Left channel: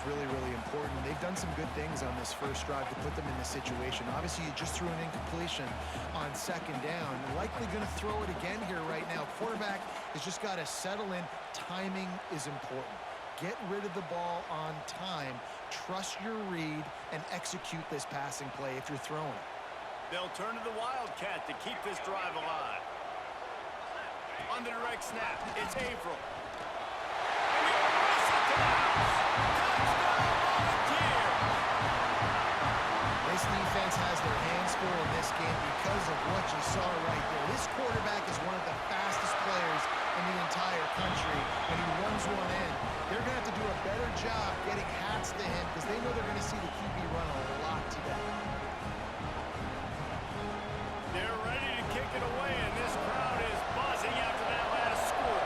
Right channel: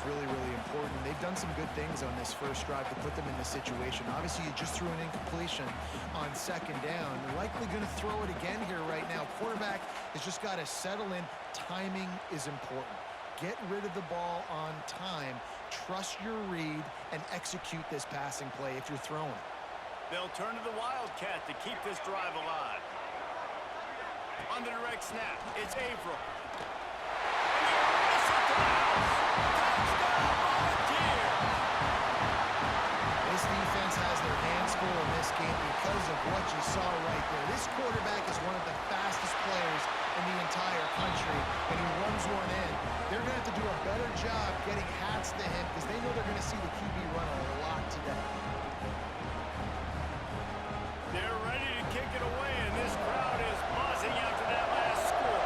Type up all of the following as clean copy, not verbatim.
is really, really important. They've done some good things on this first drive to put them in this situation. Obviously, you just threw an incompletion on second down. Likely going to throw it again here right now. Quarterback has just got to settle in. Timing is important. Get rid of the ball on time. Trust your read and execute this passing play if you're throwing it. They'll turn to the Wildcat to keep this drive alive. On the direct snap, it's Averill. And he'll race it to the house. Touchdown, Volunteers! This defense has their hands full in this game because of what you saw right there. This quarterback is one of the fastest players in the entire country, and he runs one in. They're going to have to do a better job getting hats to him because they know they're going to see the QB run a lot today. They're ready to kick it away, and this crowd is buzzing after that last score.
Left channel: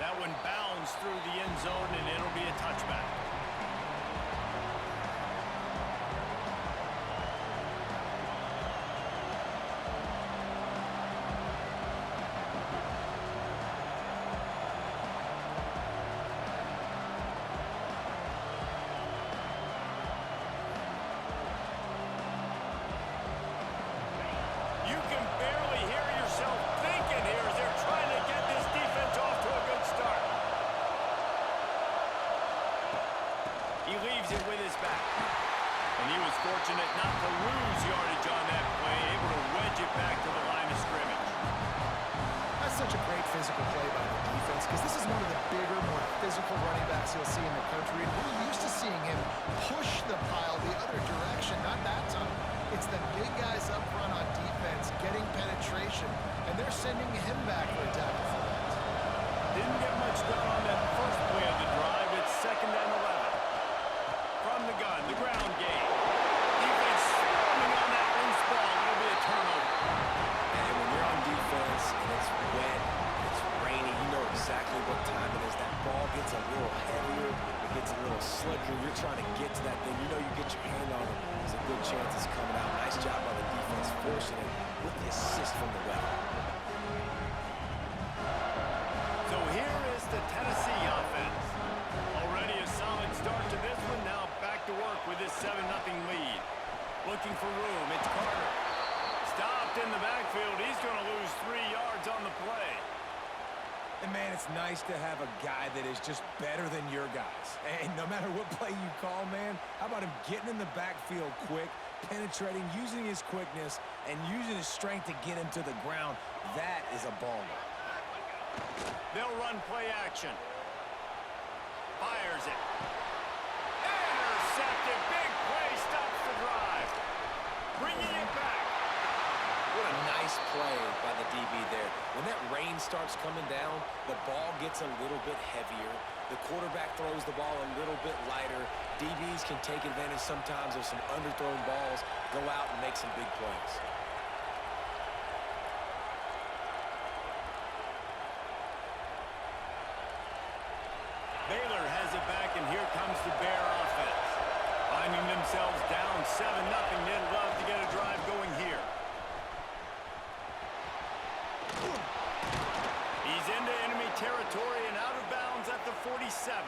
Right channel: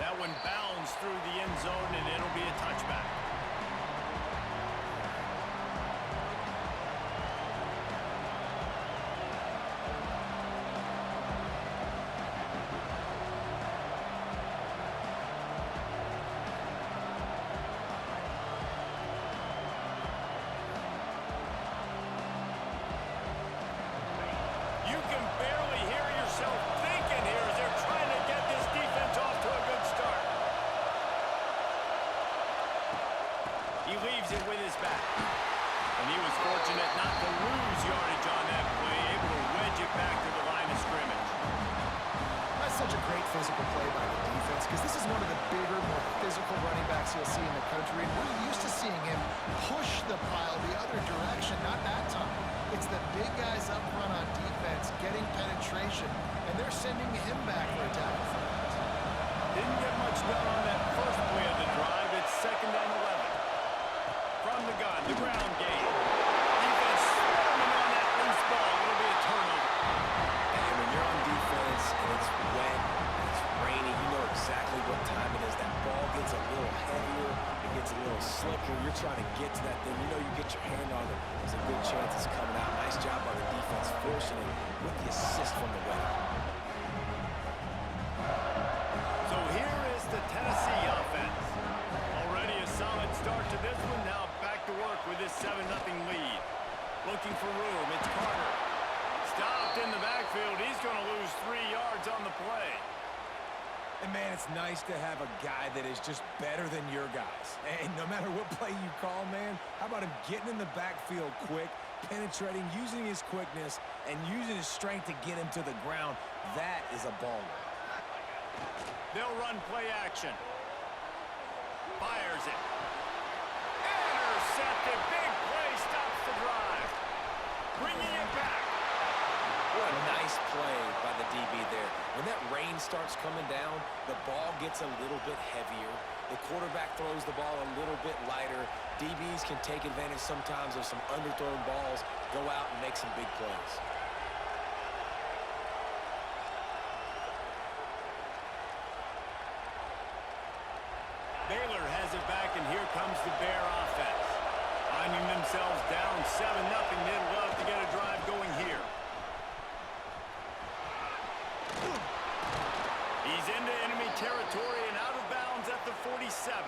That one bounds through the end zone, and it'll be a touchback. You can barely hear yourself thinking here as they're trying to get this defense off to a good start. He leaves it with his back. And he was fortunate not to lose yardage on that play, able to wedge it back to the line of scrimmage. That's such a great physical play by the defense because this is one of the bigger, more physical running backs you'll see in the country. And we're used to seeing him push the pile the other direction, not that time. It's the big guys up front on defense getting penetration, and they're sending him back for a tackle for that. Didn't get much done on that first play of the drive. It's 2nd and 11. From the gun, the ground game. Defense swarming on that loose ball. It'll be a turnover. And when you're on defense and it's wet, it's rainy, you know exactly what time it is. That ball gets a little heavier, it gets a little slicker. You're trying to get to that thing. You know you get your hand on it. There's a good chance it's coming out. Nice job by the defense forcing it with the assist from the weather. So here is the Tennessee offense. Already a solid start to this one. Now back to work with this 7-0 lead. Looking for room. It's Carter. Stopped in the backfield. He's going to lose 3 yards on the play. And, man, it's nice to have a guy that is just better than your guys. And no matter what play you call, man, how about him getting in the backfield quick, penetrating, using his quickness, and using his strength to get him to the ground? That is a baller. They'll run play action. Fires it. Intercepted. Big play stops the drive. Bringing it back. What a nice play by the DB there. When that rain starts coming down, the ball gets a little bit heavier. The quarterback throws the ball a little bit lighter. DBs can take advantage sometimes of some underthrown balls, go out and make some big plays. Baylor has it back, and here comes the Bear offense. Finding themselves down 7-0, they'd love to get a drive going here. He's into enemy territory and out of bounds at the 47.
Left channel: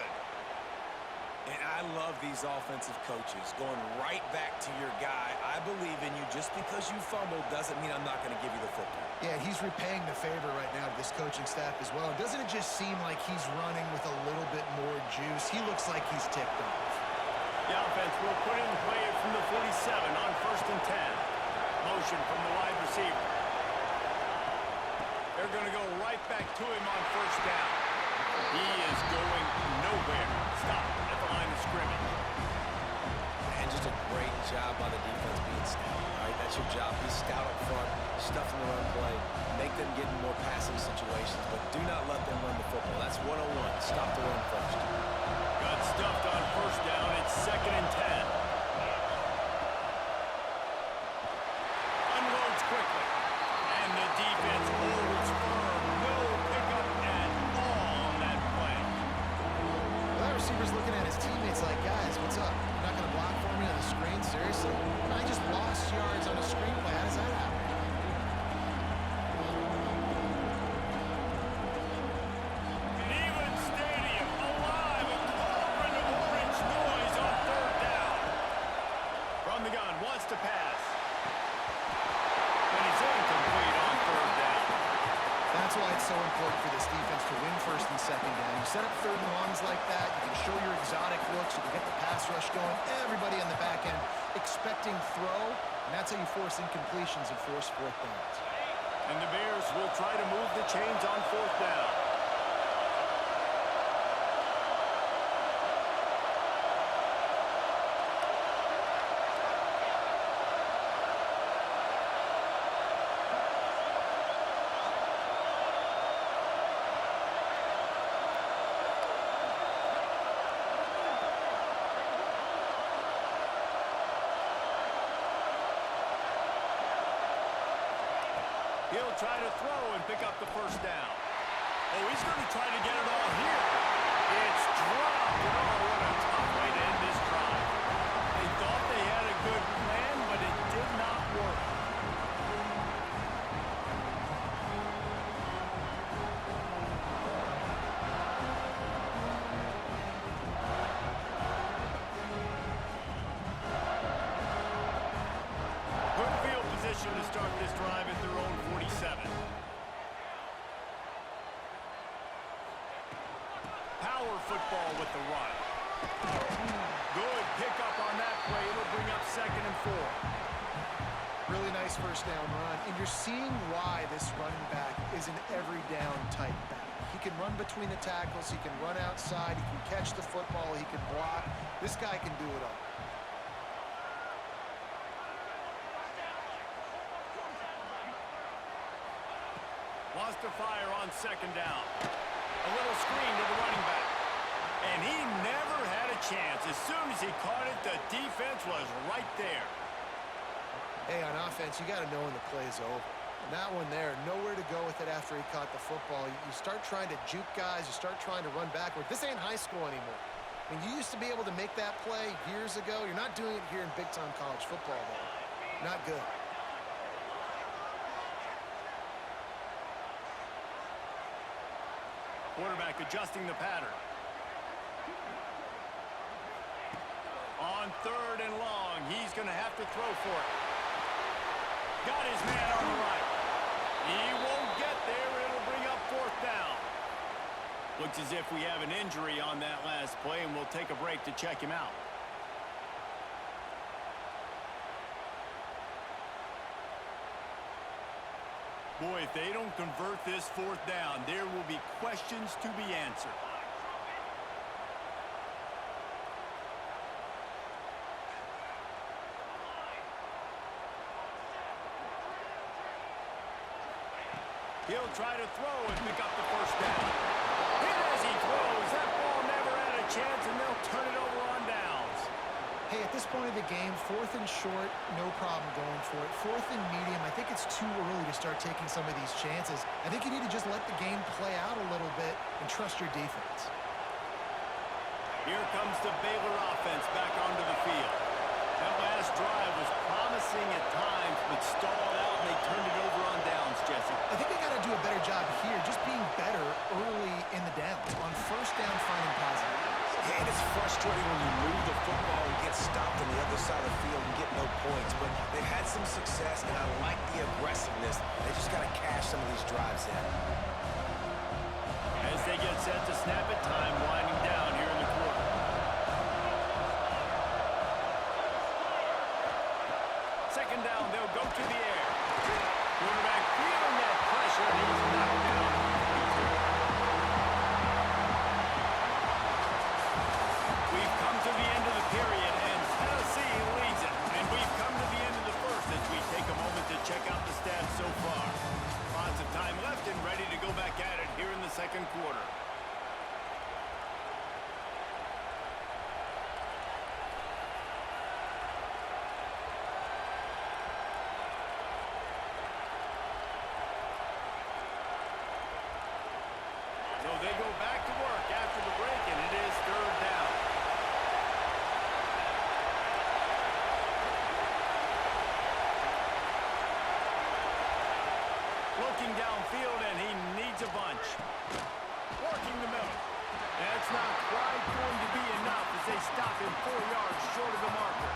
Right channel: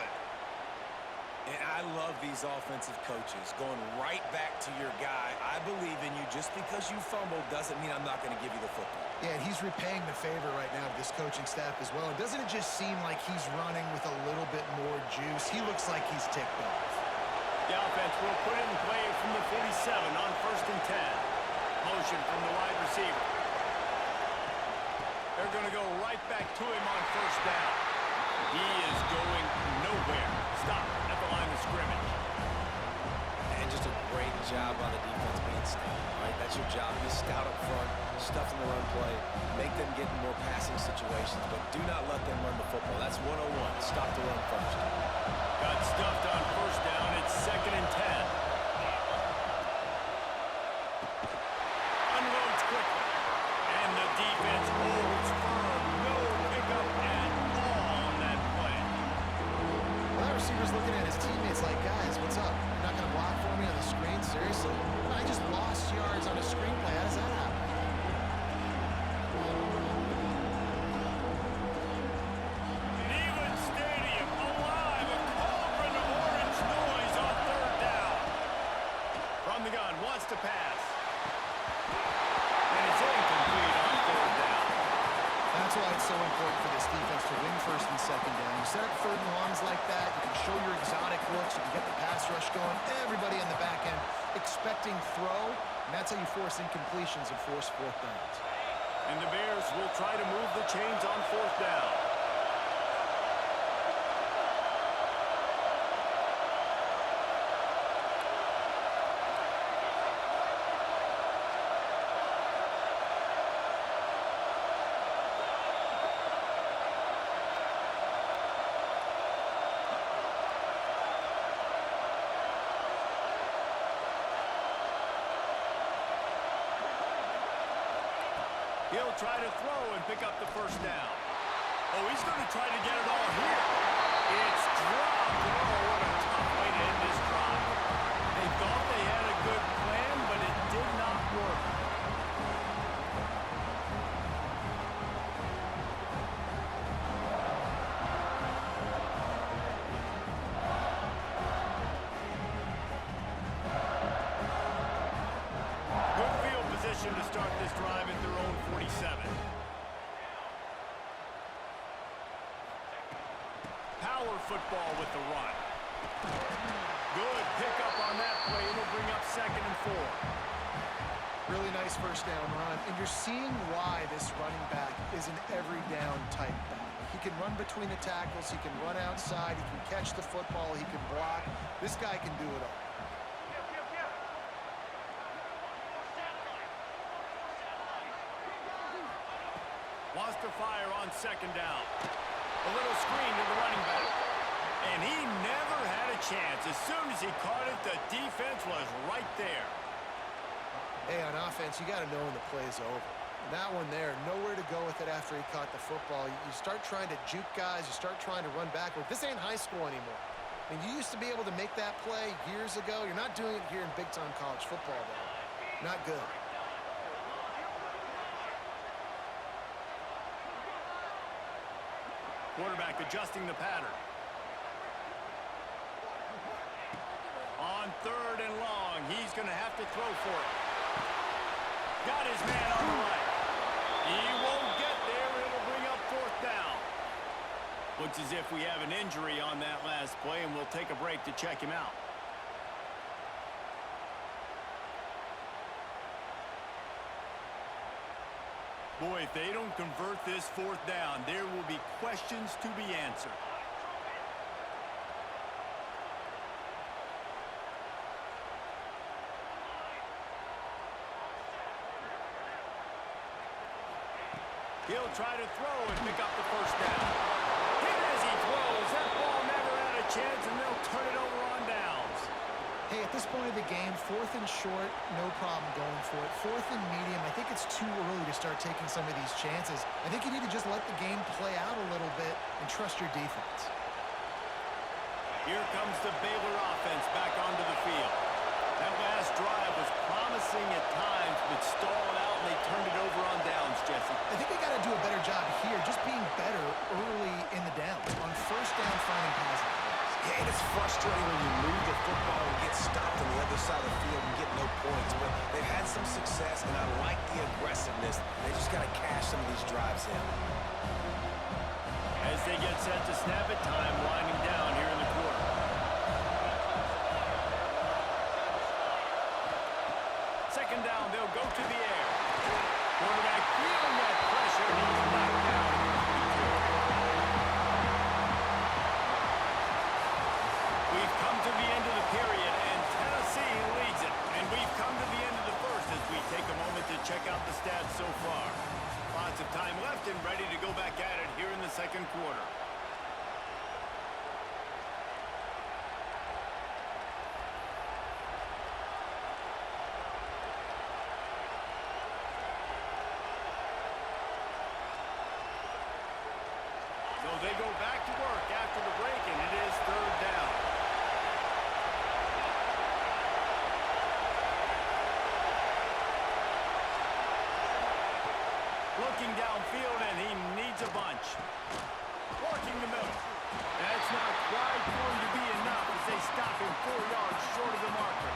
And I love these offensive coaches going right back to your guy. I believe in you. Just because you fumbled doesn't mean I'm not going to give you the football. Yeah, and he's repaying the favor right now of this coaching staff as well. Doesn't it just seem like he's running with a little bit more juice? He looks like he's ticked off. The offense will put it in play from the 47 on 1st and 10. Motion from the wide receiver. They're going to go right back to him on 1st down. He is going nowhere. Stop at the line of scrimmage. And just a great job by the defense being stout, right? That's your job. Be stout up front, stuff in the run play, make them get in more passing situations, but do not let them run the football. That's 101. Stop the run first. Got stuffed on 1st down. It's 2nd and 10. Unloads quickly. And the defense holds firm. No pickup at all on that play. Well, that receiver's looking at his teammates like, guys, what's up? You're not going to block for me on the screen? Seriously? No, I just lost yards on a screen play. How does that happen? important for this defense to win first and second down. You set up third and longs like that, you can show your exotic looks, you can get the pass rush going, everybody on the back end expecting throw, and that's how you force incompletions and force fourth downs. And the Bears will try to move the chains on fourth down. He'll try to throw and pick up the first down. Oh, he's going to try to get it all here. It's dropped. Oh, what a tough way to end this drive. They thought they had a good plan, but it did not work. Good field position to start this drive at their own 47. Power football with the run. Good pickup on that play. It'll bring up 2nd and 4. Really nice first down run, and you're seeing why this running back is an every down type back. He can run between the tackles, he can run outside, he can catch the football, he can block. This guy can do it all. Wants to fire on 2nd down. A little screen to the running back. And he never had a chance. As soon as he caught it, the defense was right there. Hey, on offense, you got to know when the play is over. And that one there, nowhere to go with it after he caught the football. You start trying to juke guys. You start trying to run backward. This ain't high school anymore. I mean, you used to be able to make that play years ago. You're not doing it here in big-time college football, though. Not good. Quarterback adjusting the pattern. On 3rd and long, he's going to have to throw for it. Got his man on the right. He won't get there. It'll bring up 4th down. Looks as if we have an injury on that last play, and we'll take a break to check him out. Boy, if they don't convert this 4th down, there will be questions to be answered. He'll try to throw and pick up the first down. Hit as he throws. That ball never had a chance, and they'll turn it over on downs. Hey, at this point of the game, 4th and short, no problem going for it. 4th and medium, I think it's too early to start taking some of these chances. I think you need to just let the game play out a little bit and trust your defense. Here comes the Baylor offense back onto the field. That last drive was promising at times, but stalled out, and they turned it over on downs, Jesse. I think they got to do a better job here, just being better early in the downs. On first down, finding positive plays. Yeah, and it's frustrating when you move the football and get stopped on the other side of the field and get no points. But they've had some success, and I like the aggressiveness. They just got to cash some of these drives in. As they get set to snap it, time winding down here in the quarter. Second down, they'll go to the air. Quarterback feeling that pressure, and he's knocked down. We've come to the end of the period, and Tennessee leads it. And we've come to the end of the first as we take a moment to check out the stats so far. Lots of time left and ready to go back at it here in the second quarter. So they go back to work after the break, and it is 3rd down. Looking downfield, and he needs a bunch. Working the middle. That's not quite going to be enough as they stop him 4 yards short of the marker.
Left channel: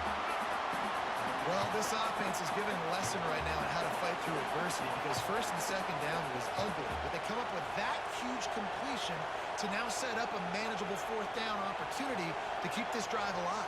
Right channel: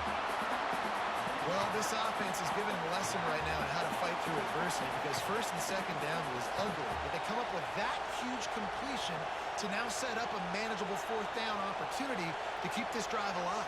Well, this offense is giving a lesson right now on how to fight through adversity because first and second down was ugly, but they come up with that huge completion to now set up a manageable fourth down opportunity to keep this drive alive.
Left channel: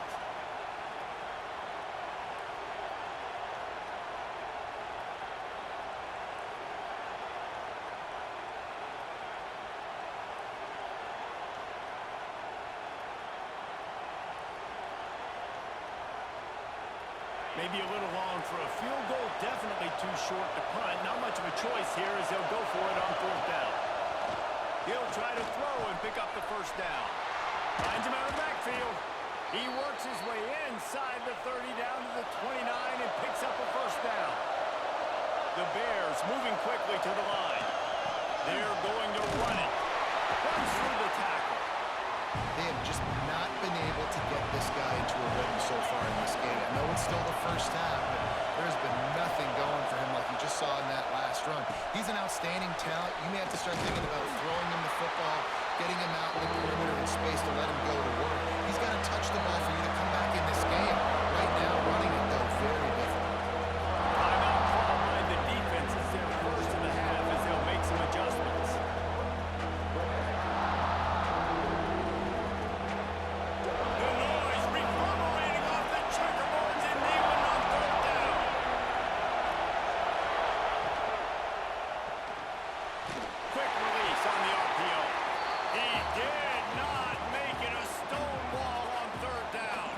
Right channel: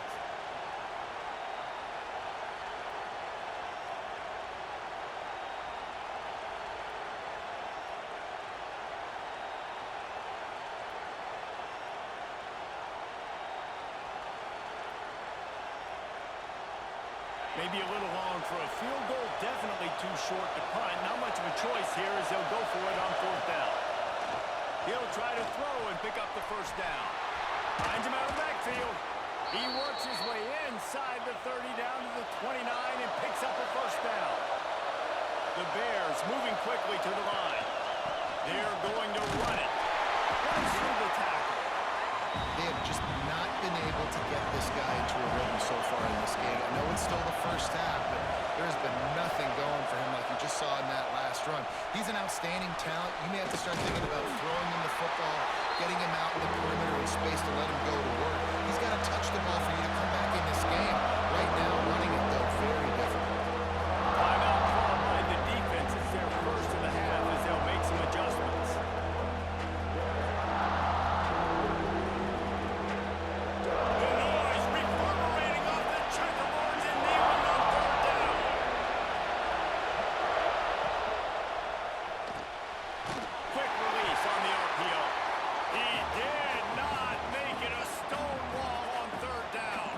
Maybe a little long for a field goal, definitely too short to punt. Not much of a choice here as they'll go for it on fourth down. He'll try to throw and pick up the first down. Finds him out of the backfield. He works his way inside the 30 down to the 29 and picks up a first down. The Bears moving quickly to the line. They're going to run it. Runs through the tackle. They have just not been able to get this guy into a rhythm so far in this game. I know it's still the first half, but there's been nothing going for him like you just saw in that last run. He's an outstanding talent. You may have to start thinking about throwing him the football, getting him out in the perimeter in space to let him go to work. He's got to touch the ball for you to come back in this game. Right now, running it, though, very difficult. Timeout called by the defense. It's their first of the half as they'll make some adjustments. On the RPO. He did not make it a stone wall on third down.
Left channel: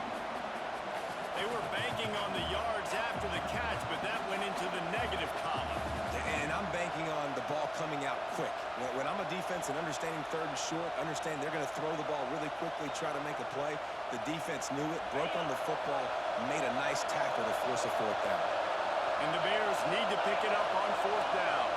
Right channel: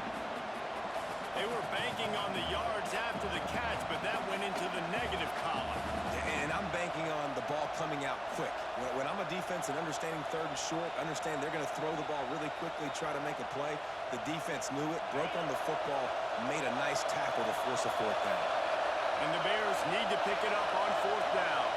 They were banking on the yards after the catch, but that went into the negative column. And I'm banking on the ball coming out quick. When I'm a defense and understanding third and short, understand they're going to throw the ball really quickly, try to make a play. The defense knew it, broke on the football, made a nice tackle to force a fourth down. And the Bears need to pick it up on fourth down.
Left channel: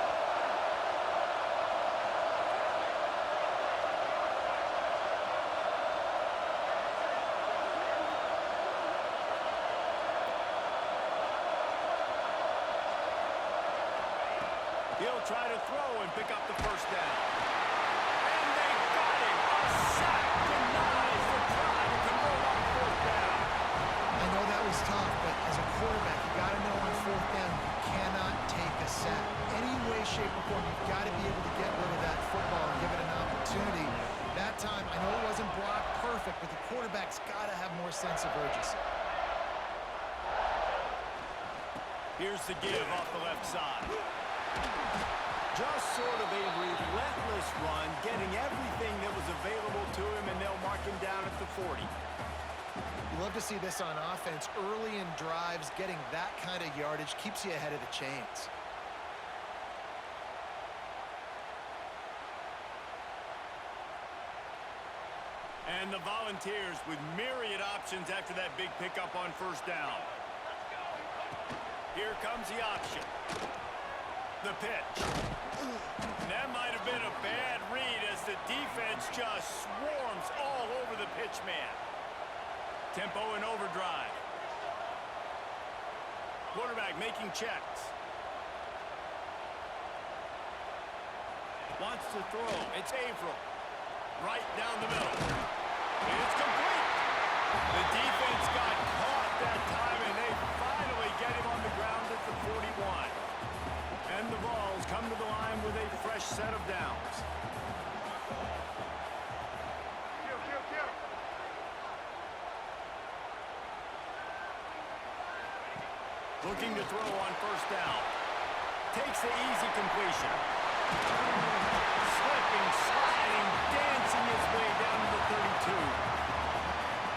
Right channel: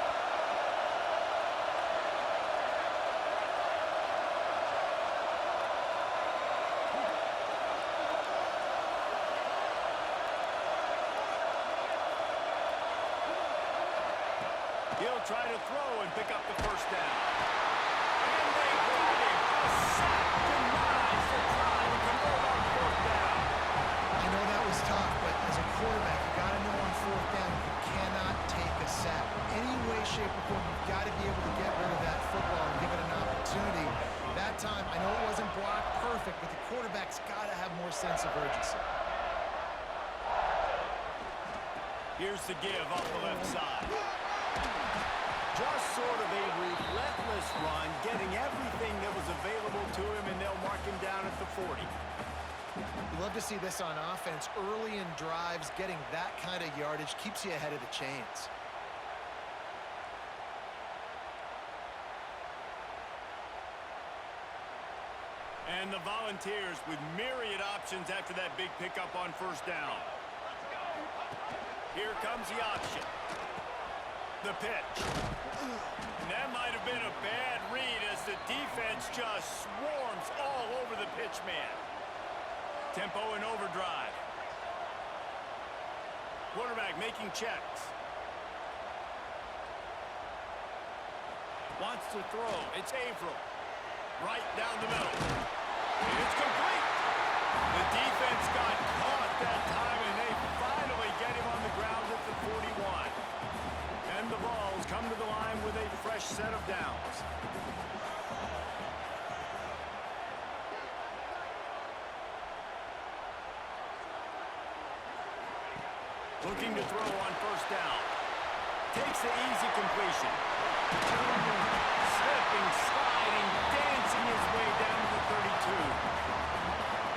He'll try to throw and pick up the first down. And they got him. A sack denies the try to convert on fourth down. I know that was tough, but as a quarterback, you got to know on fourth down you cannot take a sack. Any way, shape, or form, you've got to be able to get rid of that football and give it an opportunity. That time, I know it wasn't blocked perfect, but the quarterback's got to have more sense of urgency. Here's the give off the left side. Just sort of a relentless run, getting everything that was available to him, and they'll mark him down at the 40. You love to see this on offense. Early in drives, getting that kind of yardage keeps you ahead of the chains. And the Volunteers with myriad options after that big pickup on first down. Here comes the option. The pitch. And that might have been a bad read as the defense just swarms all over the pitch man. Tempo and overdrive. Quarterback making checks. Wants to throw. It's Averill. Right down the middle. And it's complete. The defense got caught that time, and they finally get him on the ground at the 41. And the Vols come to the line with a fresh set of downs. Looking to throw on first down. Takes the easy completion. Slipping, sliding, dancing his way down to the 32.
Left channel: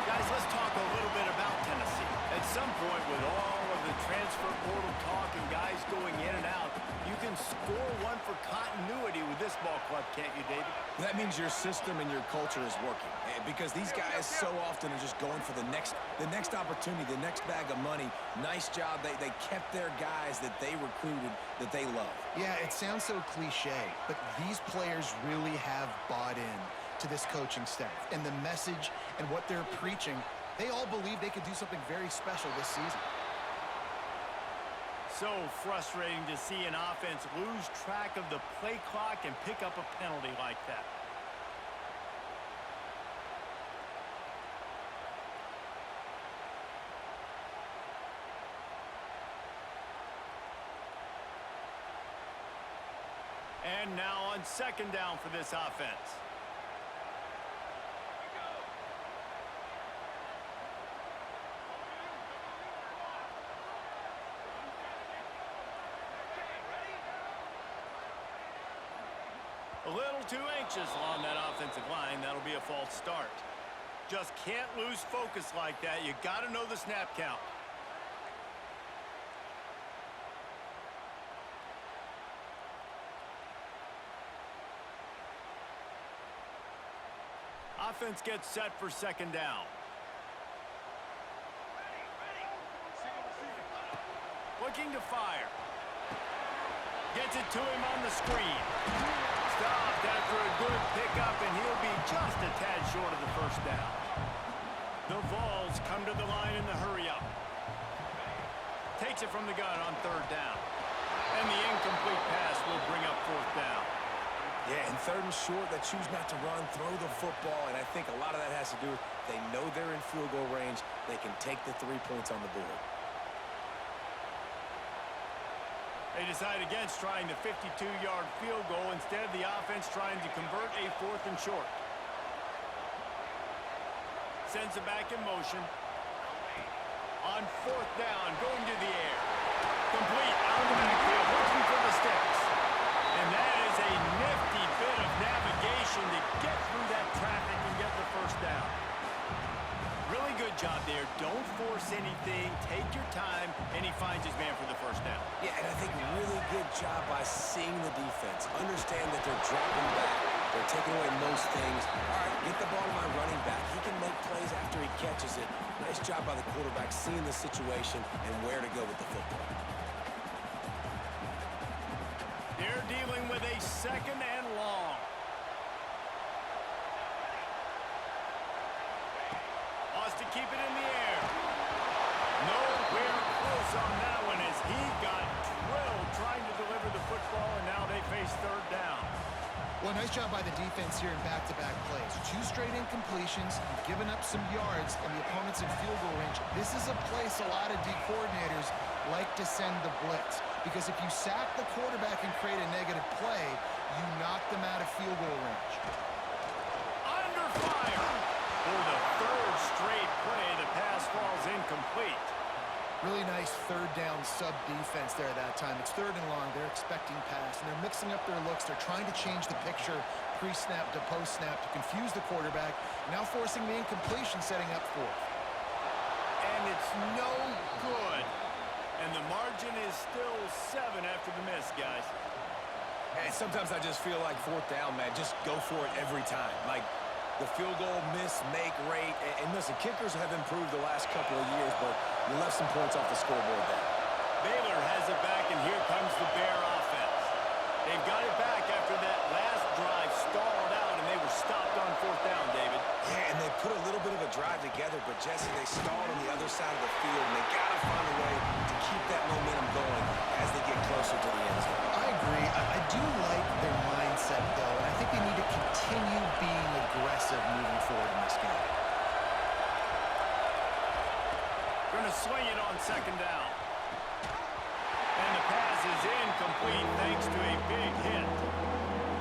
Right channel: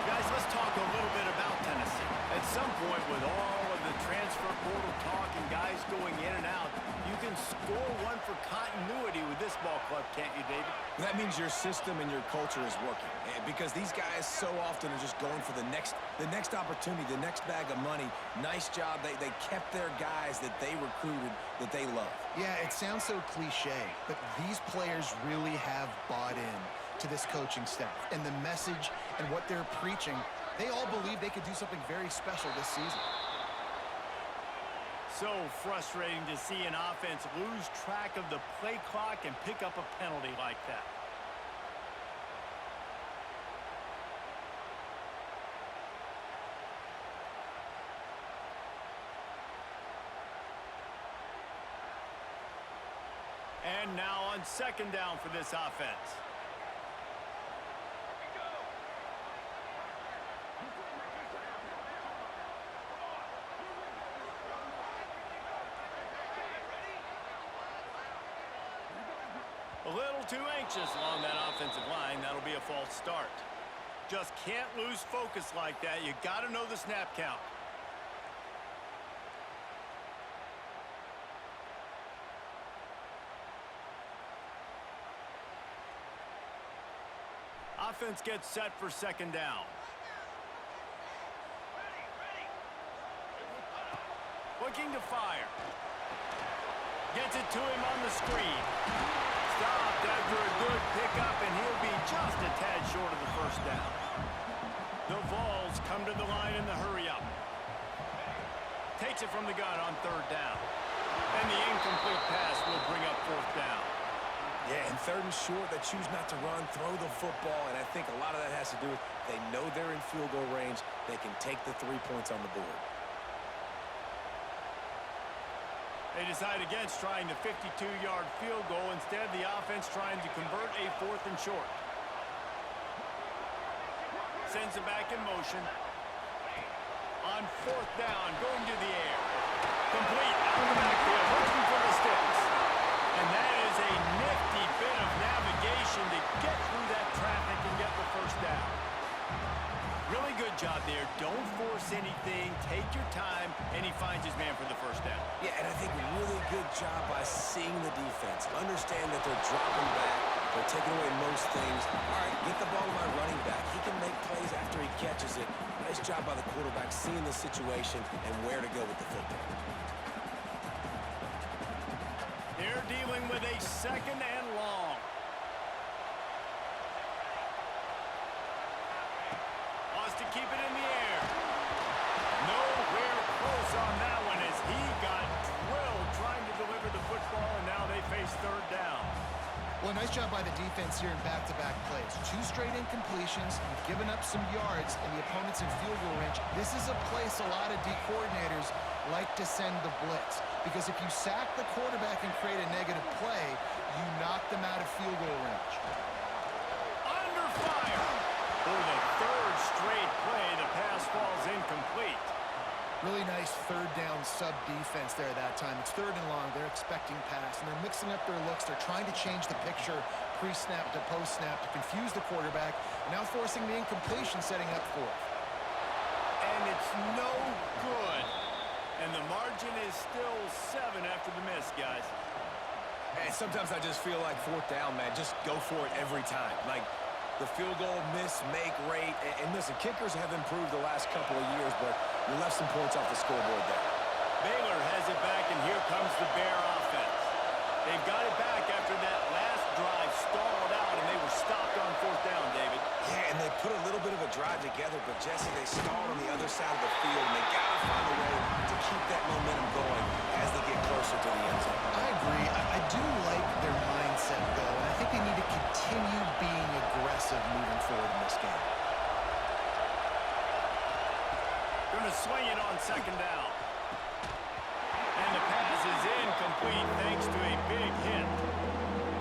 Guys, let's talk a little bit about Tennessee. At some point, with all of the transfer portal talk and guys going in and out, you can score one for continuity with this ball club, can't you, David? That means your system and your culture is working, because these guys so often are just going for the next opportunity, the next bag of money. Nice job. They kept their guys that they recruited, that they love. Yeah, it sounds so cliche, but these players really have bought in to this coaching staff and the message and what they're preaching. They all believe they could do something very special this season. So frustrating to see an offense lose track of the play clock and pick up a penalty like that. And now on second down for this offense. A little too anxious along that offensive line. That'll be a false start. Just can't lose focus like that. You got to know the snap count. Offense gets set for second down. Looking to fire. Gets it to him on the screen. Stopped after a good pickup, and he'll be just a tad short of the first down. The Vols come to the line in the hurry-up. Takes it from the gun on third down. And the incomplete pass will bring up fourth down. Yeah, and third and short, they choose not to run, throw the football, and I think a lot of that has to do with they know they're in field goal range. They can take the 3 points on the board. They decide against trying the 52-yard field goal. Instead, the offense trying to convert a fourth and short. Sends it back in motion. On fourth down, going to the air. Complete out of the backfield, looking for the sticks. And that is a nifty bit of navigation to get through that traffic and get the first down. Really good job there. Don't force anything. Take your time, and he finds his man for the first down. Yeah, and I think really good job by seeing the defense. Understand that they're dropping back. They're taking away most things. All right, get the ball to my running back. He can make plays after he catches it. Nice job by the quarterback seeing the situation and where to go with the football. They're dealing with a second and long. Wants to keep it in the air. Nowhere close on that one as he got drilled trying to deliver the football, and now they face third down. Well, nice job by the defense here in back-to-back plays. 2 straight incompletions. You've given up some yards, and the opponent's in field goal range. This is a place a lot of D coordinators like to send the blitz, because if you sack the quarterback and create a negative play, you knock them out of field goal range. Under fire. For the third straight play, the pass falls incomplete. Really nice third down sub defense there that time. It's third and long. They're expecting pass, and they're mixing up their looks. They're trying to change the picture pre-snap to post-snap to confuse the quarterback, and now forcing the incompletion, setting up fourth. And it's no good. And the margin is still 7 after the miss, guys. And sometimes I just feel like fourth down, man, just go for it every time. Like, the field goal miss-make rate. And listen, kickers have improved the last couple of years, but you left some points off the scoreboard there. Baylor has it back, and here comes the Bear offense. They've got it back after that last drive stalled out, and they were stopped on fourth down, David. Yeah, and they put a little bit of a drive together, but, Jesse, they stalled on the other side of the field, and they got to find a way to keep that momentum going as they get closer to the end zone. I agree. I do like their mindset, though, and I think they need to continue being aggressive moving forward in this game. Going to swing it on second down. And the pass is incomplete thanks to a big hit.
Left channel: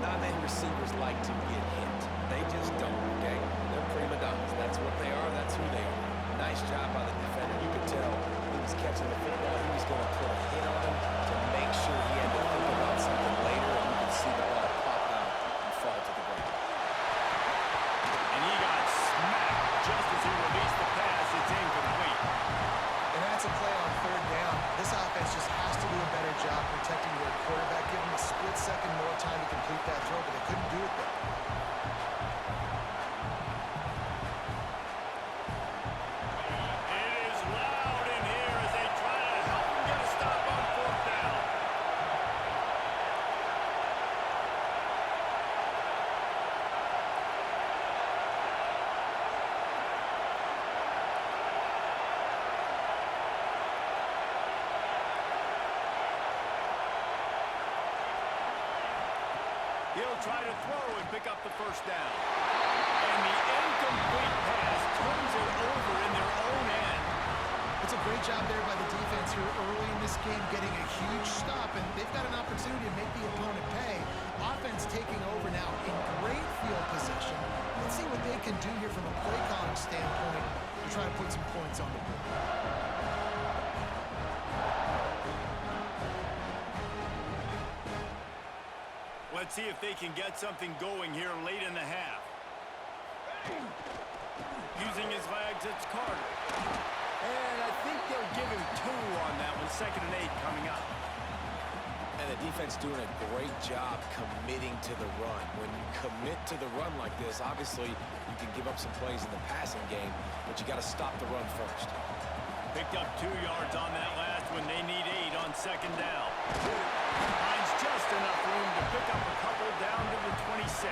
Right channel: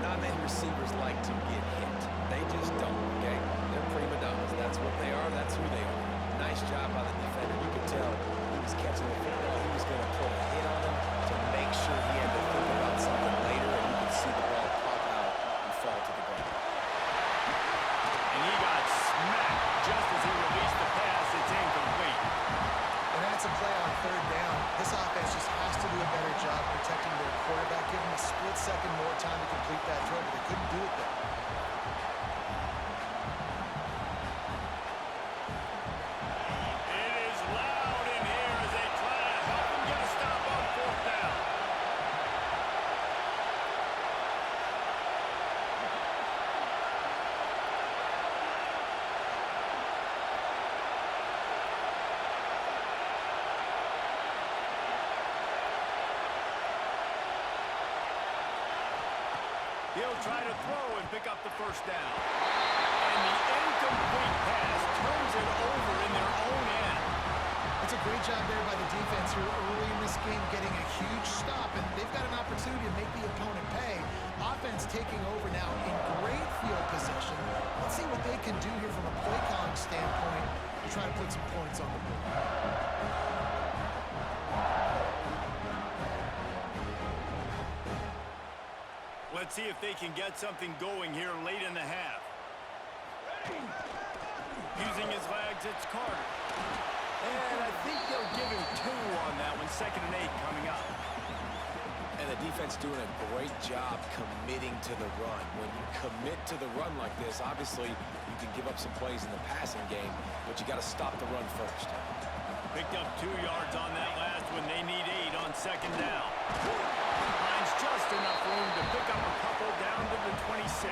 Not many receivers like to get hit. They just don't, okay? They're prima donnas. That's what they are. That's who they are. Nice job by the defender. You could tell he was catching the football. He was going to put a hit on him to make sure he had to think about something later, and you could see the ball pop out and fall to the ground. And he got smacked just as he released the pass. It's incomplete. And that's a play on third down. This offense just has to do a better job protecting their quarterback. Give them a split second more time to complete that throw, but they couldn't do it there. It is loud in here as they try to help him get a stop on fourth down. He'll try to throw and pick up the first down. And the incomplete pass turns it over in their own end. It's a great job there by the defense here early in this game, getting a huge stop, and they've got an opportunity to make the opponent pay. Offense taking over now in great field position. Let's see what they can do here from a play calling standpoint to try to put some points on the board. Let's see if they can get something going here late in the half. Using his legs, it's Carter. And I think they'll give him 2 on that one. 2nd and 8 coming up. And the defense doing a great job committing to the run. When you commit to the run like this, obviously you can give up some plays in the passing game, but you got to stop the run first. Picked up 2 yards on that last one. They need 8 on 2nd down. Finds just enough room to pick up a couple down to the 26.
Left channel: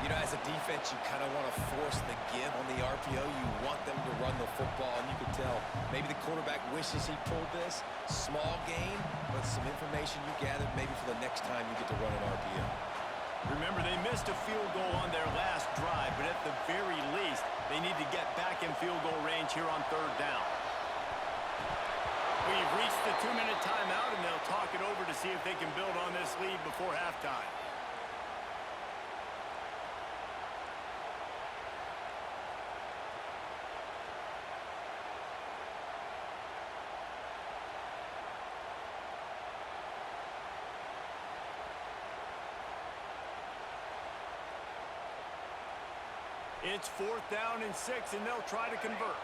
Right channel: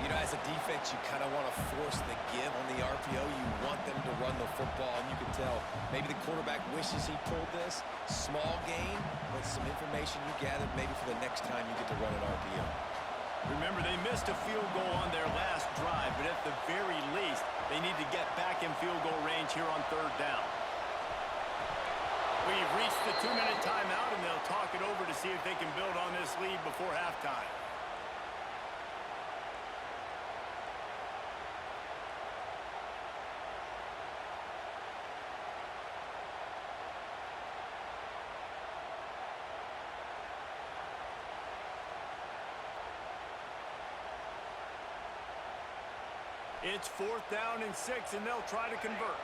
You know, as a defense, you kind of want to force the give on the RPO. You want them to run the football, and you can tell maybe the quarterback wishes he pulled this. Small gain, but some information you gathered maybe for the next time you get to run an RPO. Remember, they missed a field goal on their last drive, but at the very least, they need to get back in field goal range here on 3rd down. We've reached the 2-minute timeout, and they'll talk it over to see if they can build on this lead before halftime. It's 4th down and 6, and they'll try to convert.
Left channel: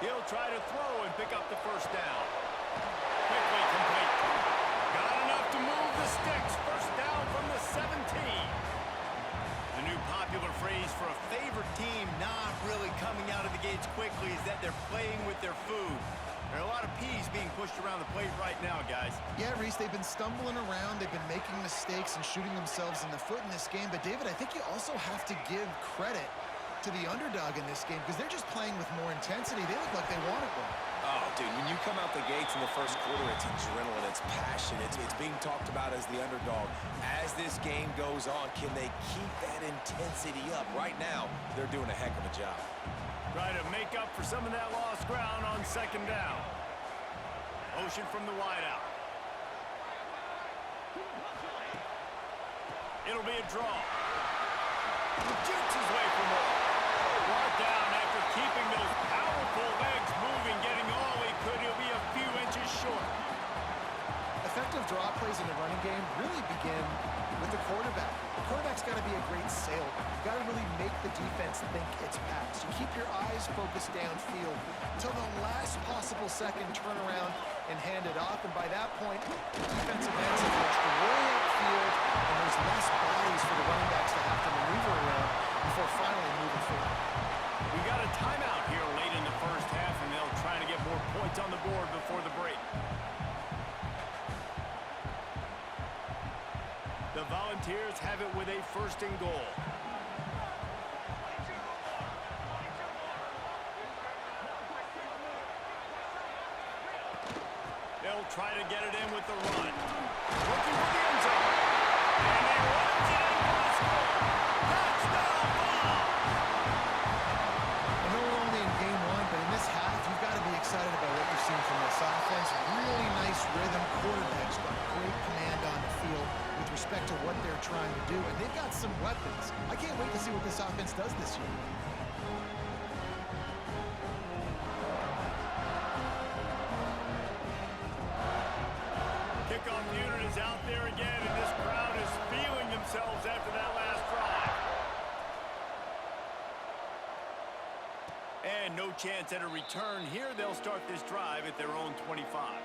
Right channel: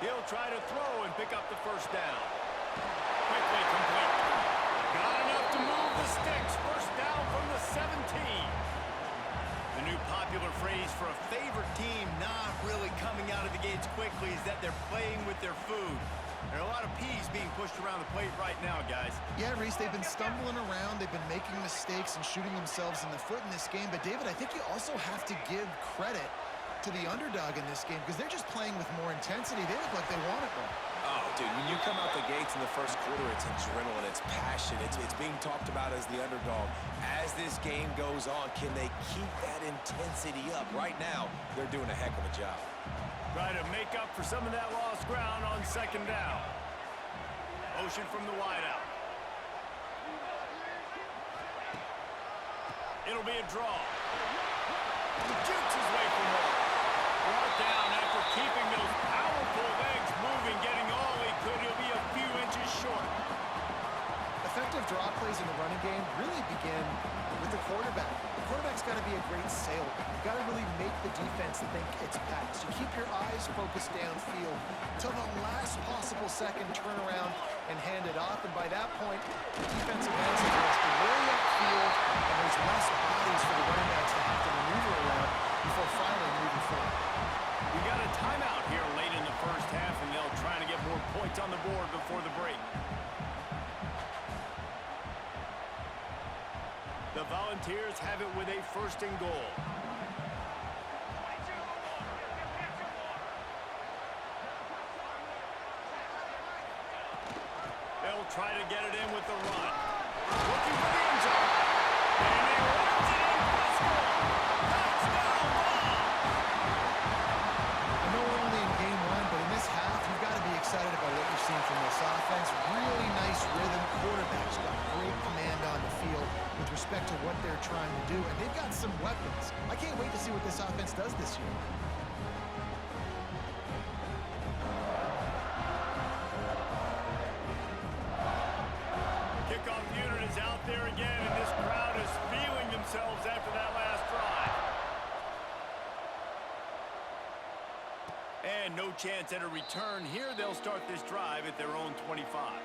He'll try to throw and pick up the 1st down. Quickly complete. Got enough to move the sticks. 1st down from the 17. The new popular phrase for a favorite team not really coming out of the gates quickly is that they're playing with their food. There are a lot of peas being pushed around the plate right now, guys. Yeah, Reese, they've been stumbling around. They've been making mistakes and shooting themselves in the foot in this game. But, David, I think you also have to give credit to the underdog in this game because they're just playing with more intensity. They look like they want it more. Oh, dude, when you come out the gates in the 1st quarter, it's adrenaline, it's passion, it's being talked about as the underdog. As this game goes on, can they keep that intensity up? Right now, they're doing a heck of a job. Try to make up for some of that lost ground on 2nd down. Motion from the wideout. It'll be a draw. Jukes his way for more. Brought down after keeping those powerful legs moving, getting all he could. He'll be a few inches short. Effective draw plays in the running game really begin with the quarterback. The quarterback's got to be a great sailor. You've got to really make the defense think it's pass. You keep your eyes focused downfield till the last possible second, turn around and hand it off. And by that point, the defensive ends have rushed way upfield, and there's less bodies for the running backs to have to maneuver around before finally moving forward. We got a timeout here late in the 1st half, and they'll try to get more points on the board before the break. The Volunteers have it with a 1st and goal. They'll try to get it in with the run. Looking for the end zone. And he runs it in for the score. Touchdown ball! I know we're only in game 1, but in this half, you've got to be excited about what you've seen from this offense. Really nice rhythm. Quarterback's got great command on the field with respect to what they're trying to do, and they've got some weapons. I can't wait to see what this offense does this year. Kickoff unit is out there again, and this crowd is feeling themselves after that last drive. And no chance at a return here. They'll start this drive at their own 25.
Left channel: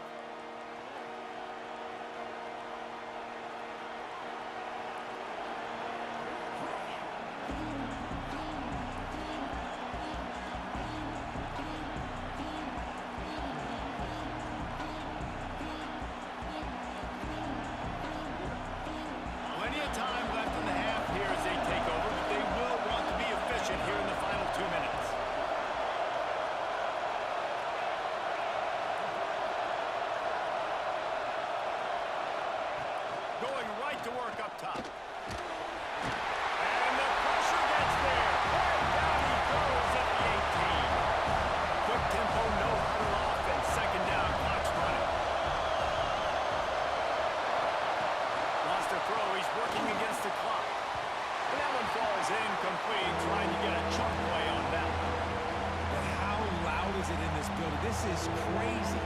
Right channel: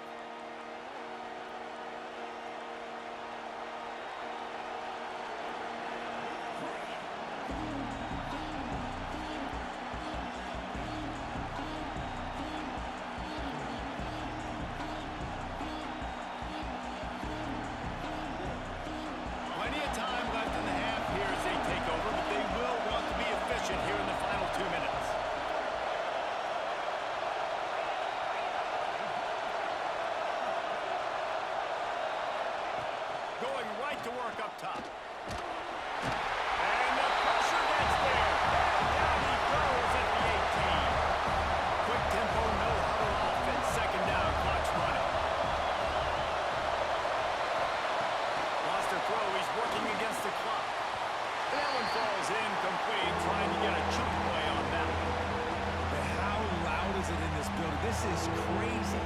Plenty of time left in the half here as they take over, but they will want to be efficient here in the final 2 minutes. to work up top. And the pressure gets there. And down he goes at the 18. Quick tempo, no huddle offense. Second down, clock's running. Lost a throw. He's working against the clock. And that one falls incomplete, trying to get a chunk play on that one. And how loud is it in this building? This is crazy.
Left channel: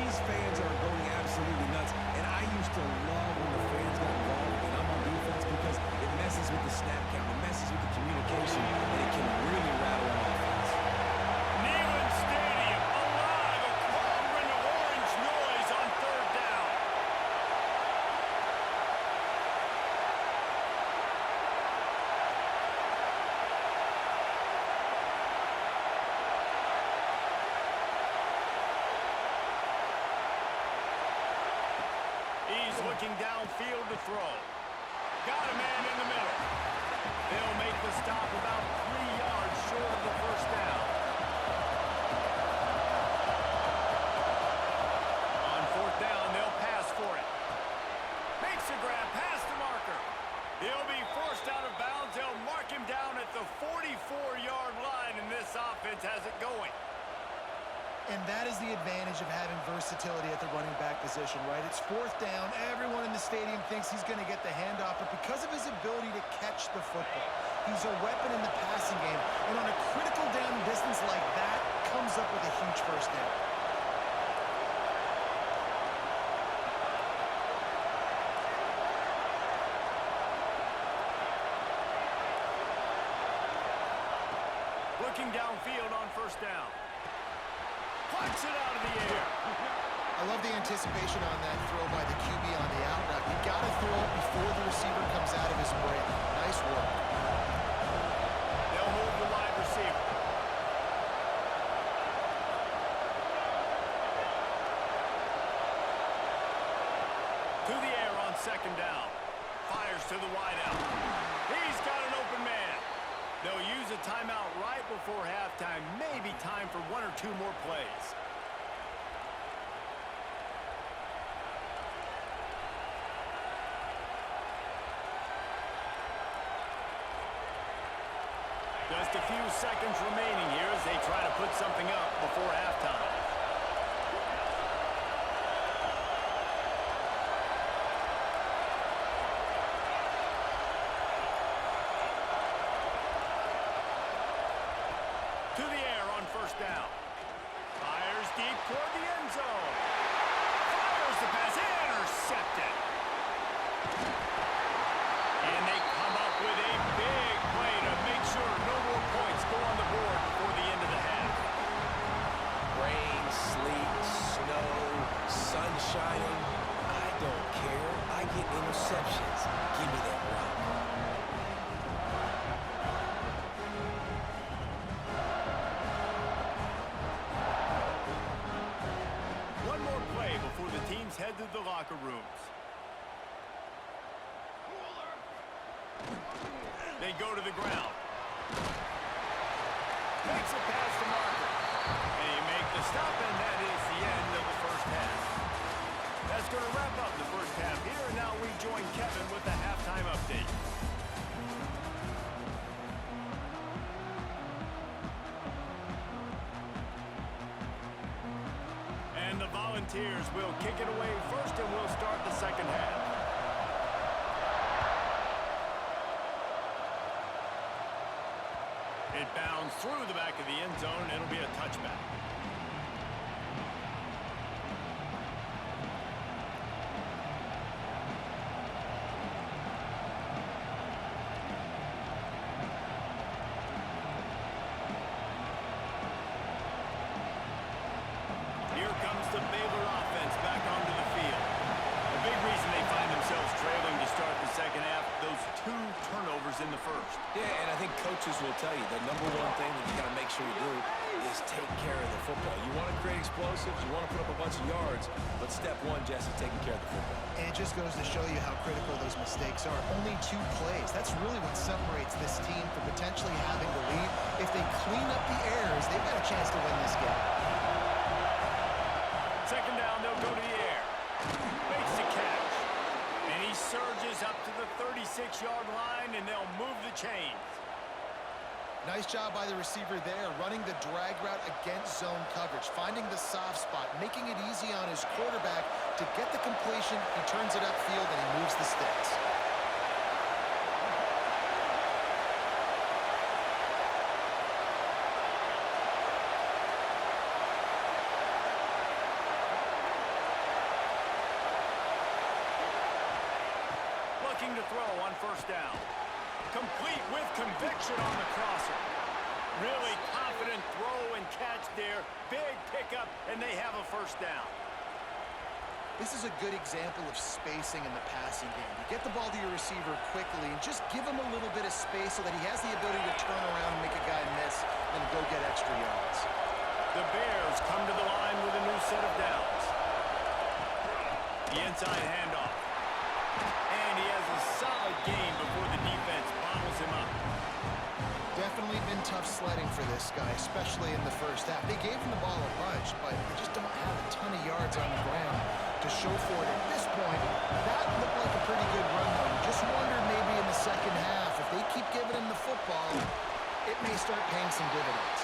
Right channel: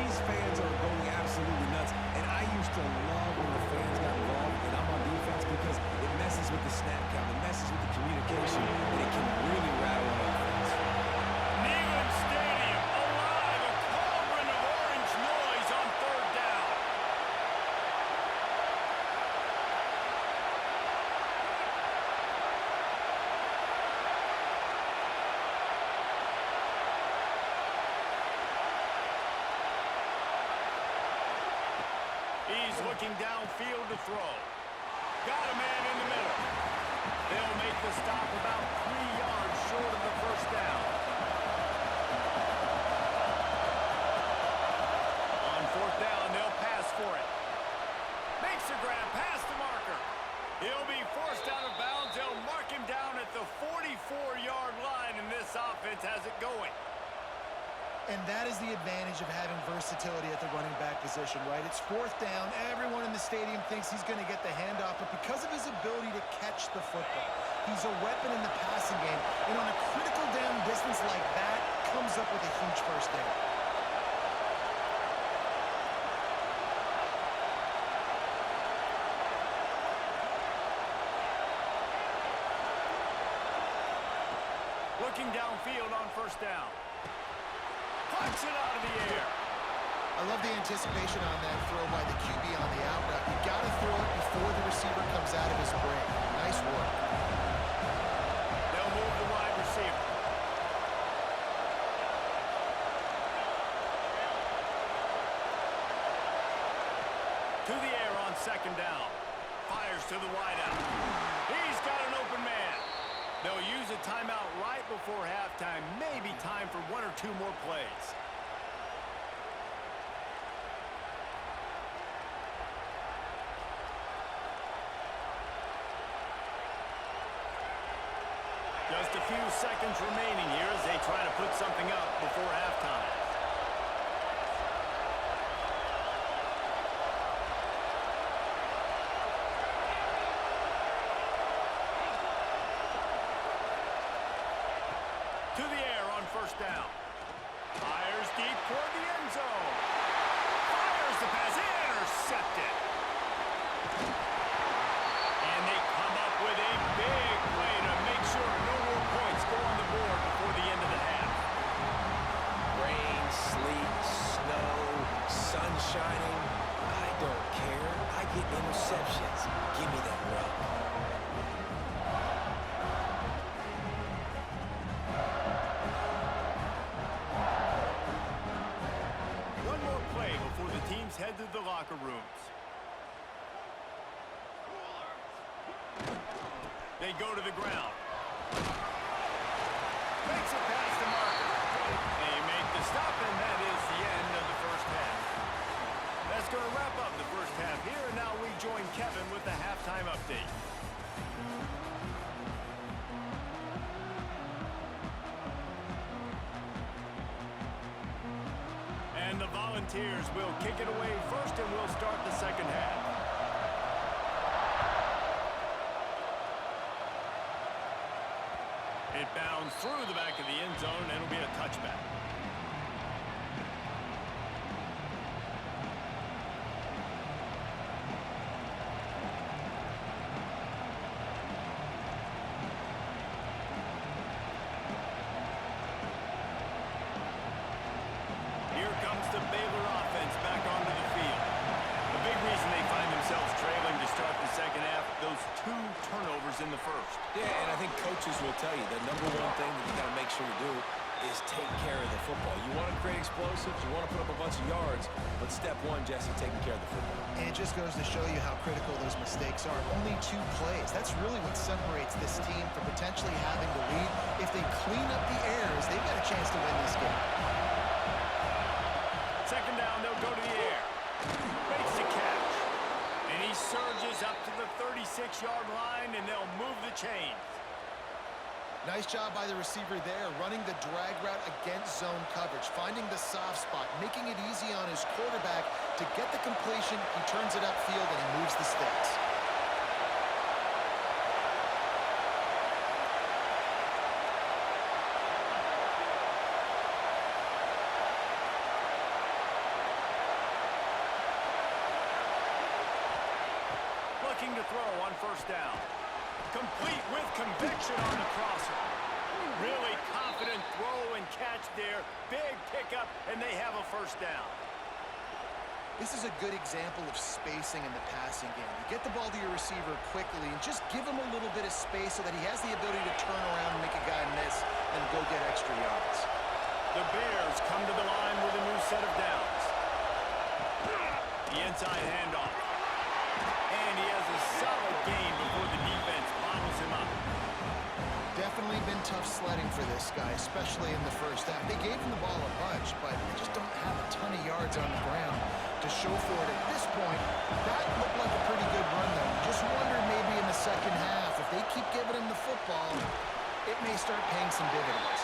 These fans are going absolutely nuts. And I used to love when the fans got involved and I'm on defense because it messes with the snap count, it messes with the communication, and it can really rattle an offense. Neyland Stadium, alive, a cauldron of orange noise on third down. He's looking downfield to throw. Got a man in the middle. They'll make the stop about 3 yards short of the first down. On fourth down, they'll pass for it. Makes a grab past the marker. He'll be forced out of bounds. They'll mark him down at the 44-yard line, and this offense has it going. And that is the advantage of having versatility at the running back position, right? It's fourth down. Everyone in the stadium thinks he's going to get the handoff, but because of his ability to catch the football, he's a weapon in the passing game. And on a critical down distance like that, comes up with a huge first down. Looking downfield on first down. Punch it out of the air. I love the anticipation on that throw by the QB on the out route. You got to throw it before the receiver comes out of his break. Nice work. They'll move the wide receiver. To the air on second down. Fires to the wideout. He's got an open man. They'll use a timeout right before halftime. Maybe time for 1 or 2 more plays. Just a few seconds remaining here as they try to put something up before halftime. To the air on first down. Fires deep toward the end zone. Fires the pass. Intercepted. And they come up with a big play to make sure no more points go on the board before the end of the half. Rain, sleet, snow, sun shining. I don't care. I get interceptions. Give me that rock. One more play before the teams head to the locker rooms. They go to the ground. Makes it past the marker. They make the stop, and that is the end of the first half. That's going to wrap up the first half here, and now we join Kevin with the halftime update. And the Volunteers will kick it away first, and we'll start the second half. It bounds through the back of the end zone, and it'll be a touchback. Here comes the Baylor offense back onto the field. A big reason they find themselves trailing to start the second half, those 2 turnovers in the first. Yeah, and I think coaches will tell you the number one thing that you got to make sure you do is take care of the football. You want to create explosives, you want to put up a bunch of yards, but step one, Jesse, taking care of the football. And it just goes to show you how critical those mistakes are. Only 2 plays. That's really what separates this team from potentially having the lead. If they clean up the errors, they've got a chance to win this game. Second down, they'll go to the air. Makes the catch. And And he surges up to the 36-yard line, and they'll move the chains. Nice job by the receiver there, running the drag route against zone coverage, finding the soft spot, making it easy on his quarterback to get the completion. He turns it upfield, and he moves the sticks. Looking to throw on first down. Complete with conviction on the crosser. Really confident throw and catch there. Big pickup, and they have a first down. This is a good example of spacing in the passing game. You get the ball to your receiver quickly and just give him a little bit of space so that he has the ability to turn around and make a guy miss and go get extra yards. The Bears come to the line with a new set of downs. The inside handoff. And he has a solid gain before the defense bottles him up. Definitely been tough sledding for this guy, especially in the first half. They gave him the ball a bunch, but they just don't have a ton of yards on the ground to show for it at this point. That looked like a pretty good run, though. You just wonder maybe in the second half, if they keep giving him the football, it may start paying some dividends.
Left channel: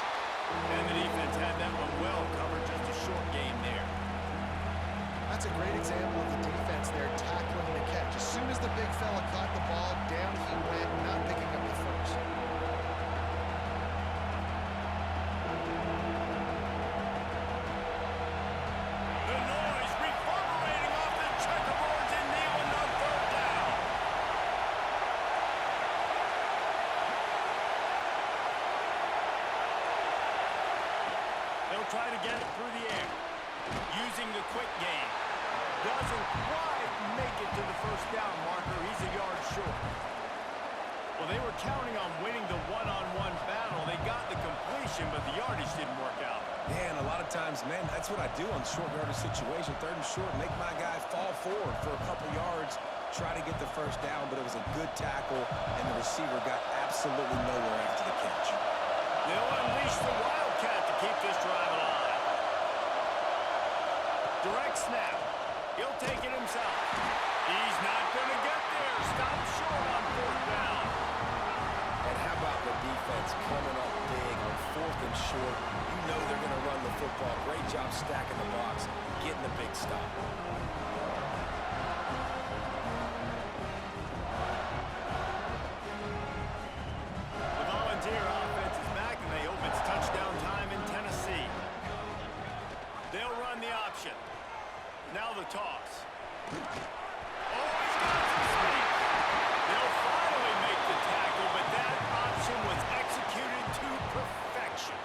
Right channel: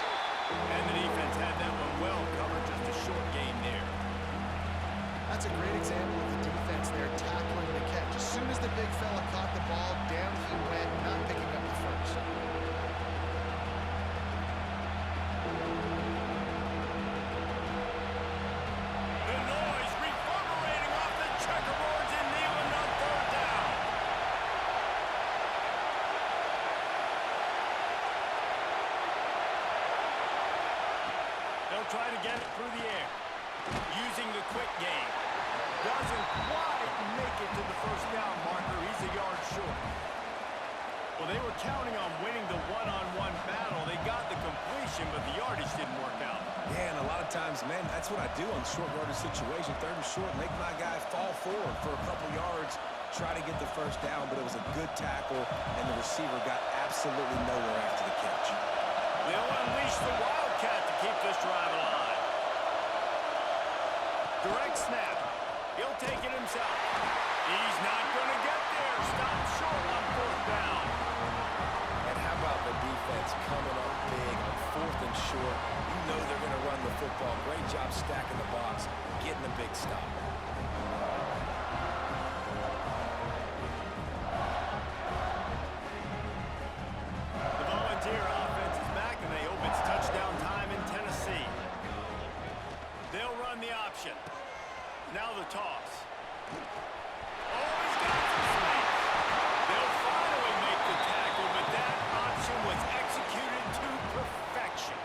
And the defense had that one well covered, just a short gain there. That's a great example of the defense there tackling the catch. As soon as the big fella caught the ball, down he went, not picking up the first. The noise reverberating off the checkerboards in Neyland on third down. They'll try to get it through the air. Using the quick game. Doesn't quite make it to the first down marker. He's a yard short. Well, they were counting on winning the one-on-one battle. They got the completion, but the yardage didn't work out. Yeah, and a lot of times, man, that's what I do on short yardage situation. Third and short, make my guy fall forward for a couple yards, try to get the first down, but it was a good tackle, and the receiver got absolutely nowhere after the catch. They'll unleash the Wildcat to keep this drive alive. Direct snap. He'll take it himself. He's not going to get there. Stop short on fourth down. And how about the defense coming up big on fourth and short? You know they're going to run the football. Great job stacking the box, getting a big stop. The Volunteer offense is back, and they hope it's touchdown time in Tennessee. They'll run the option. Now the toss. Oh, he's got some space. They'll finally make the tackle, but that option was executed to perfection.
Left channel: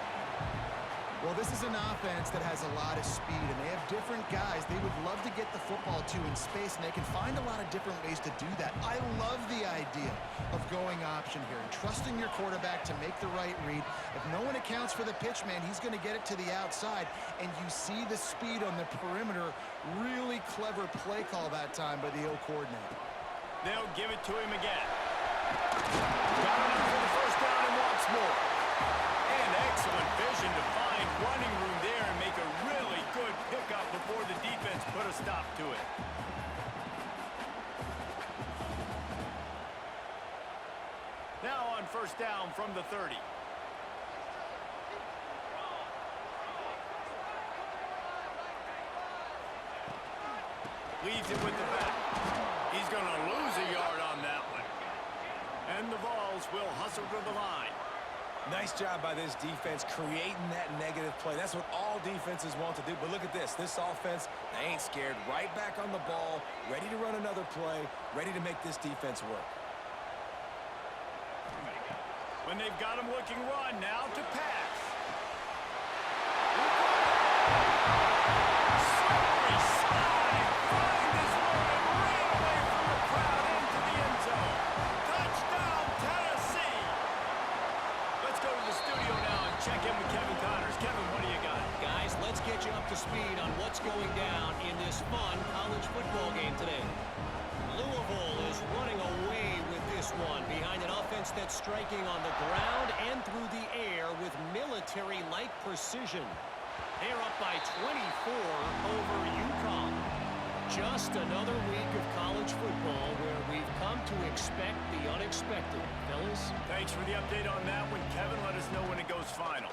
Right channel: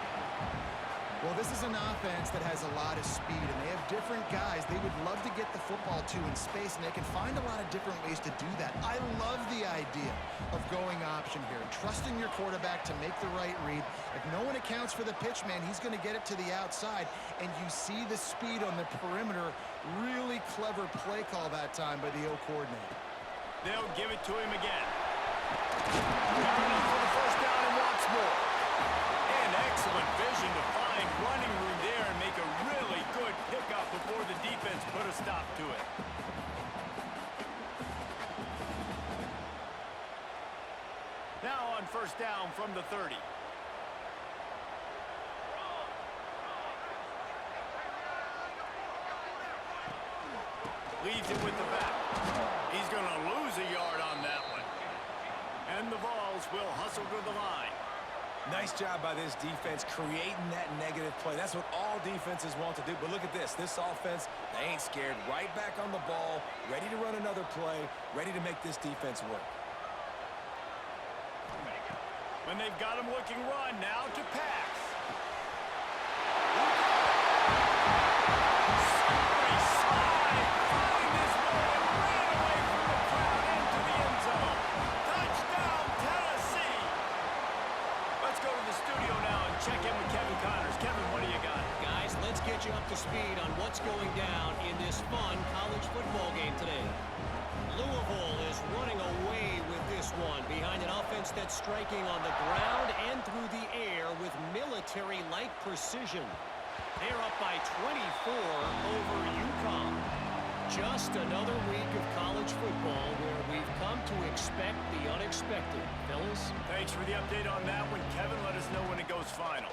Well, this is an offense that has a lot of speed, and they have different guys they would love to get the football to in space, and they can find a lot of different ways to do that. I love the idea of going option here and trusting your quarterback to make the right read. If no one accounts for the pitch, man, he's going to get it to the outside, and you see the speed on the perimeter. Really clever play call that time by the O coordinator. They'll give it to him again. Got enough for the first down and wants more. And excellent vision to find running room there and make a really good pickup before the defense put a stop to it. Now on first down from the 30. Leaves it with the back. He's going to lose a yard on that one. And the Vols will hustle to the line. Nice job by this defense creating that negative play. That's what all defenses want to do. But look at this. This offense, they ain't scared. Right back on the ball, ready to run another play, ready to make this defense work. When they've got him looking run, now to pass. Slippery slide, find his way and ran away from the crowd into the end zone. Touchdown, Tennessee! Let's go to the studio now and check in with Kevin Connors. Kevin, what do you got? Guys, let's get you up to speed on what's going down in this fun college football game today. Louisville is running away with this one behind an offense that's striking on the ground and through the air with military-like precision. They're up by 24 over UConn. Just another week of college football where we've come to expect the unexpected. Fellas? Thanks for the update on that one, Kevin. Let us know when it goes final.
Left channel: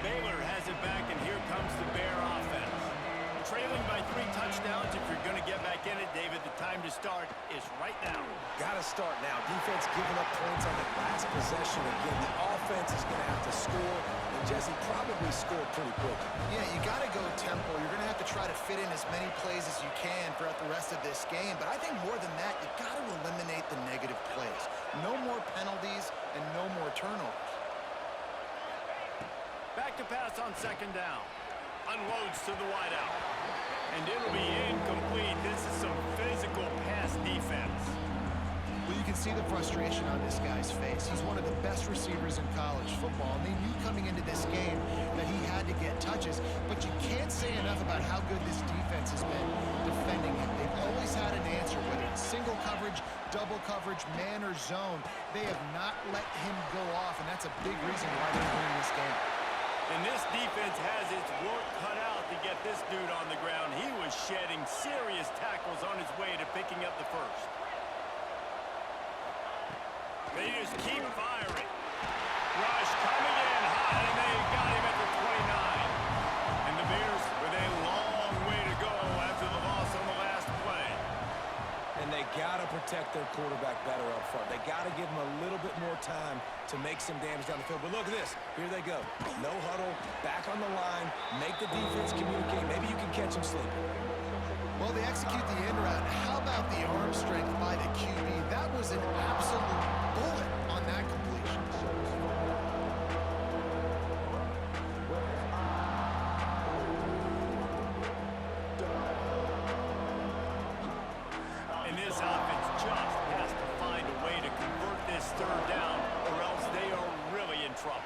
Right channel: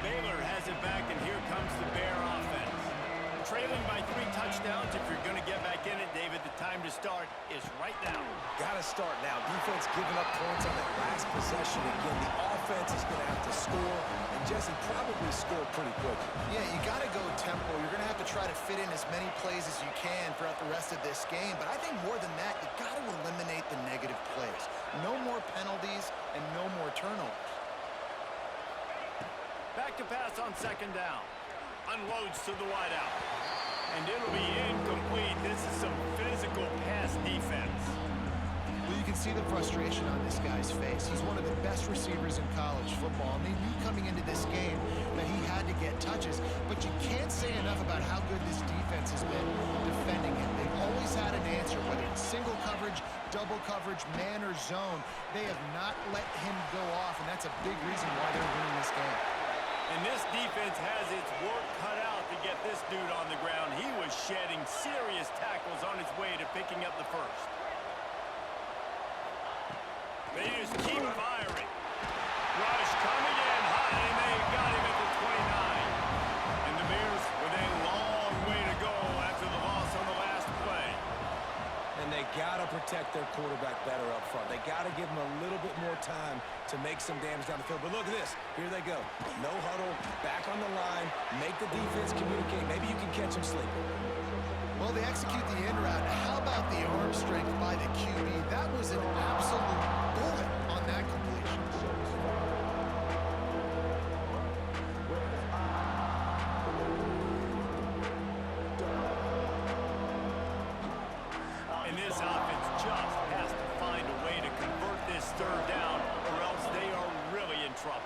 Baylor has it back, and here comes the Bear offense. Trailing by 3 touchdowns. If you're going to get back in it, David, the time to start is right now. Got to start now. Defense giving up points on that last possession. Again, the offense is going to have to score, and Jesse probably score pretty quickly. Yeah, you got to go tempo. You're going to have to try to fit in as many plays as you can throughout the rest of this game. But I think more than that, you got to eliminate the negative plays. No more penalties and no more turnovers. Back to pass on 2nd down. Unloads to the wideout. And it'll be incomplete. This is some physical pass defense. Well, you can see the frustration on this guy's face. He's one of the best receivers in college football, and they knew coming into this game that he had to get touches, but you can't say enough about how good this defense has been defending him. They've always had an answer, whether it's single coverage, double coverage, man or zone. They have not let him go off, and that's a big reason why they're winning this game. And this defense has its work cut out to get this dude on the ground. He was shedding serious tackles on his way to picking up the first. They just keep firing. Rush coming in hot, and they got him at the 29. And the Bears with a long way to go after the loss on the last play. And they got to protect their quarterback better up front. They got to give him a little bit more time to make some damage down the field. But look at this. Here they go. No huddle, back on the line, make the defense communicate. Maybe you can catch them sleeping. Well, they execute the in route. How about the arm strength by the QB? That was an absolute bullet on that completion. And this offense just has to find a way to convert this 3rd down, or else they are really in trouble.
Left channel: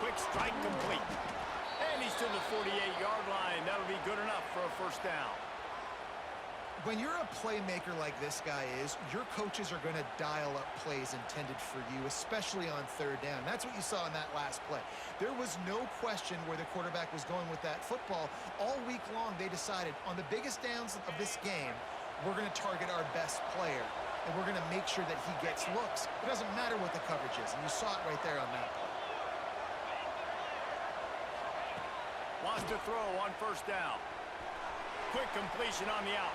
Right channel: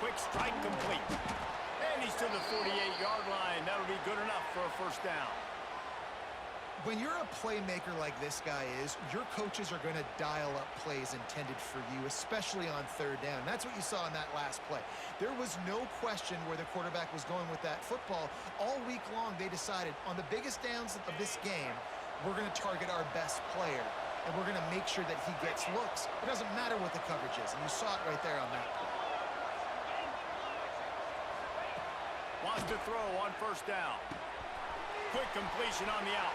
Quick strike complete. And he's to the 48-yard line. That'll be good enough for a 1st down. When you're a playmaker like this guy is, your coaches are going to dial up plays intended for you, especially on 3rd down. That's what you saw in that last play. There was no question where the quarterback was going with that football. All week long, they decided on the biggest downs of this game, we're going to target our best player, and we're going to make sure that he gets looks. It doesn't matter what the coverage is, and you saw it right there on that play. Wants to throw on 1st down. Quick completion on the out.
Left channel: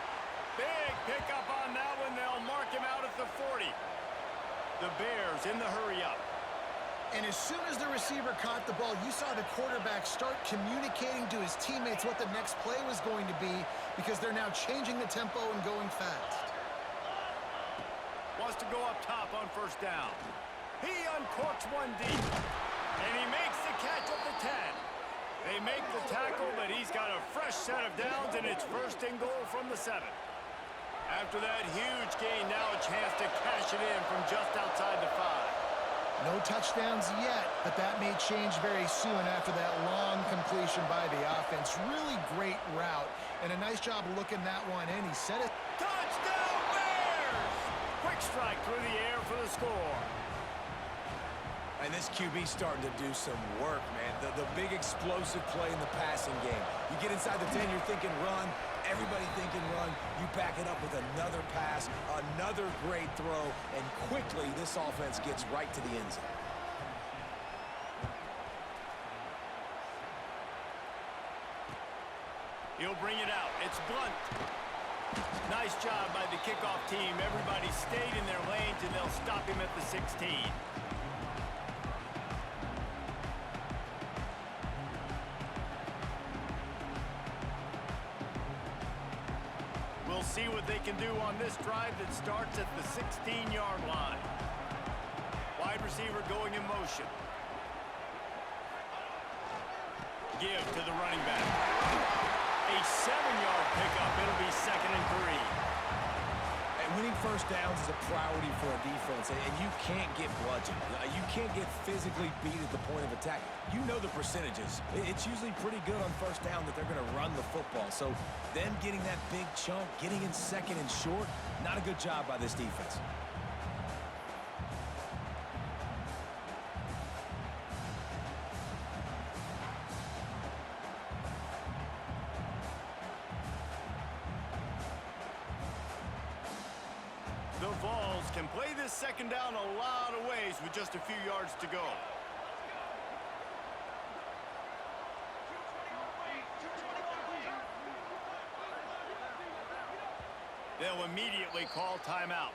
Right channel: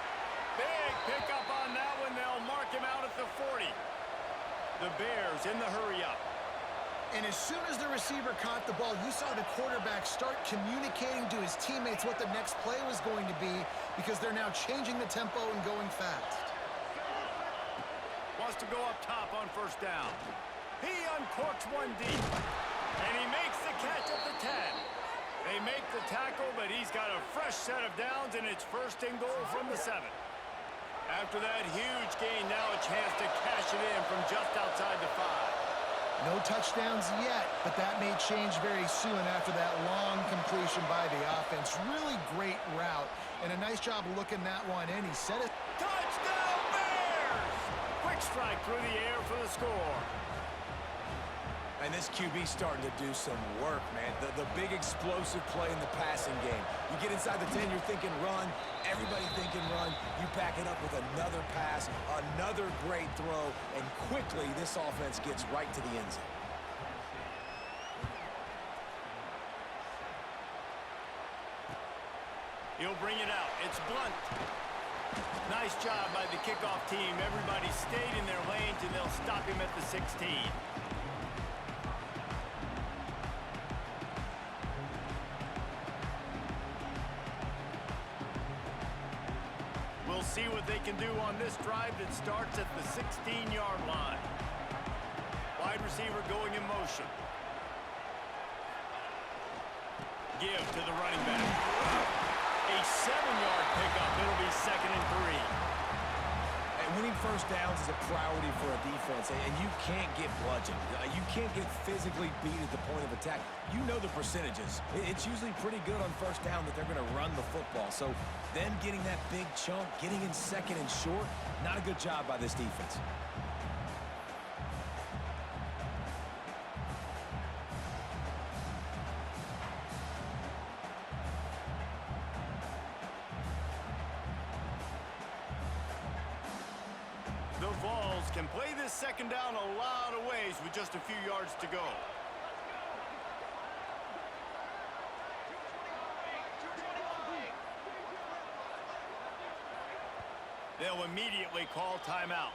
Big pickup on that one. They'll mark him out at the 40. The Bears in the hurry-up. And as soon as the receiver caught the ball, you saw the quarterback start communicating to his teammates what the next play was going to be, because they're now changing the tempo and going fast. Wants to go up top on 1st down. He uncorks one deep. And he makes the catch at the 10. They make the tackle, but he's got a fresh set of downs, and it's 1st and goal from the 7. After that huge gain, now a chance to cash it in from just outside the 5. No touchdowns yet, but that may change very soon after that long completion by the offense. Really great route, and a nice job of looking that one in. He set it. Touchdown, Bears! Quick strike through the air for the score. And this QB starting to do some work, man. The big explosive play in the passing game. You get inside the 10, you're thinking run. Everybody thinking run. You back it up with another pass, another great throw, and quickly this offense gets right to the end zone. He'll bring it out. It's Blunt. Nice job by the kickoff team. Everybody stayed in their lanes, and they'll stop him at the 16. We'll see what they can do on this drive that starts at the 16-yard line. Wide receiver going in motion. Give to the running back. A 7-yard pickup. It'll be 2nd and 3. And winning 1st downs is a priority for a defense, and you can't get bludgeoned. You can't get physically beat at the point of attack. You know the percentages. It's usually pretty good on 1st down that they're going to run the football. So them getting that big chunk, getting in 2nd and short, not a good job by this defense. The Vols can play this second down a lot of ways with just a few yards to go. They'll immediately call timeout.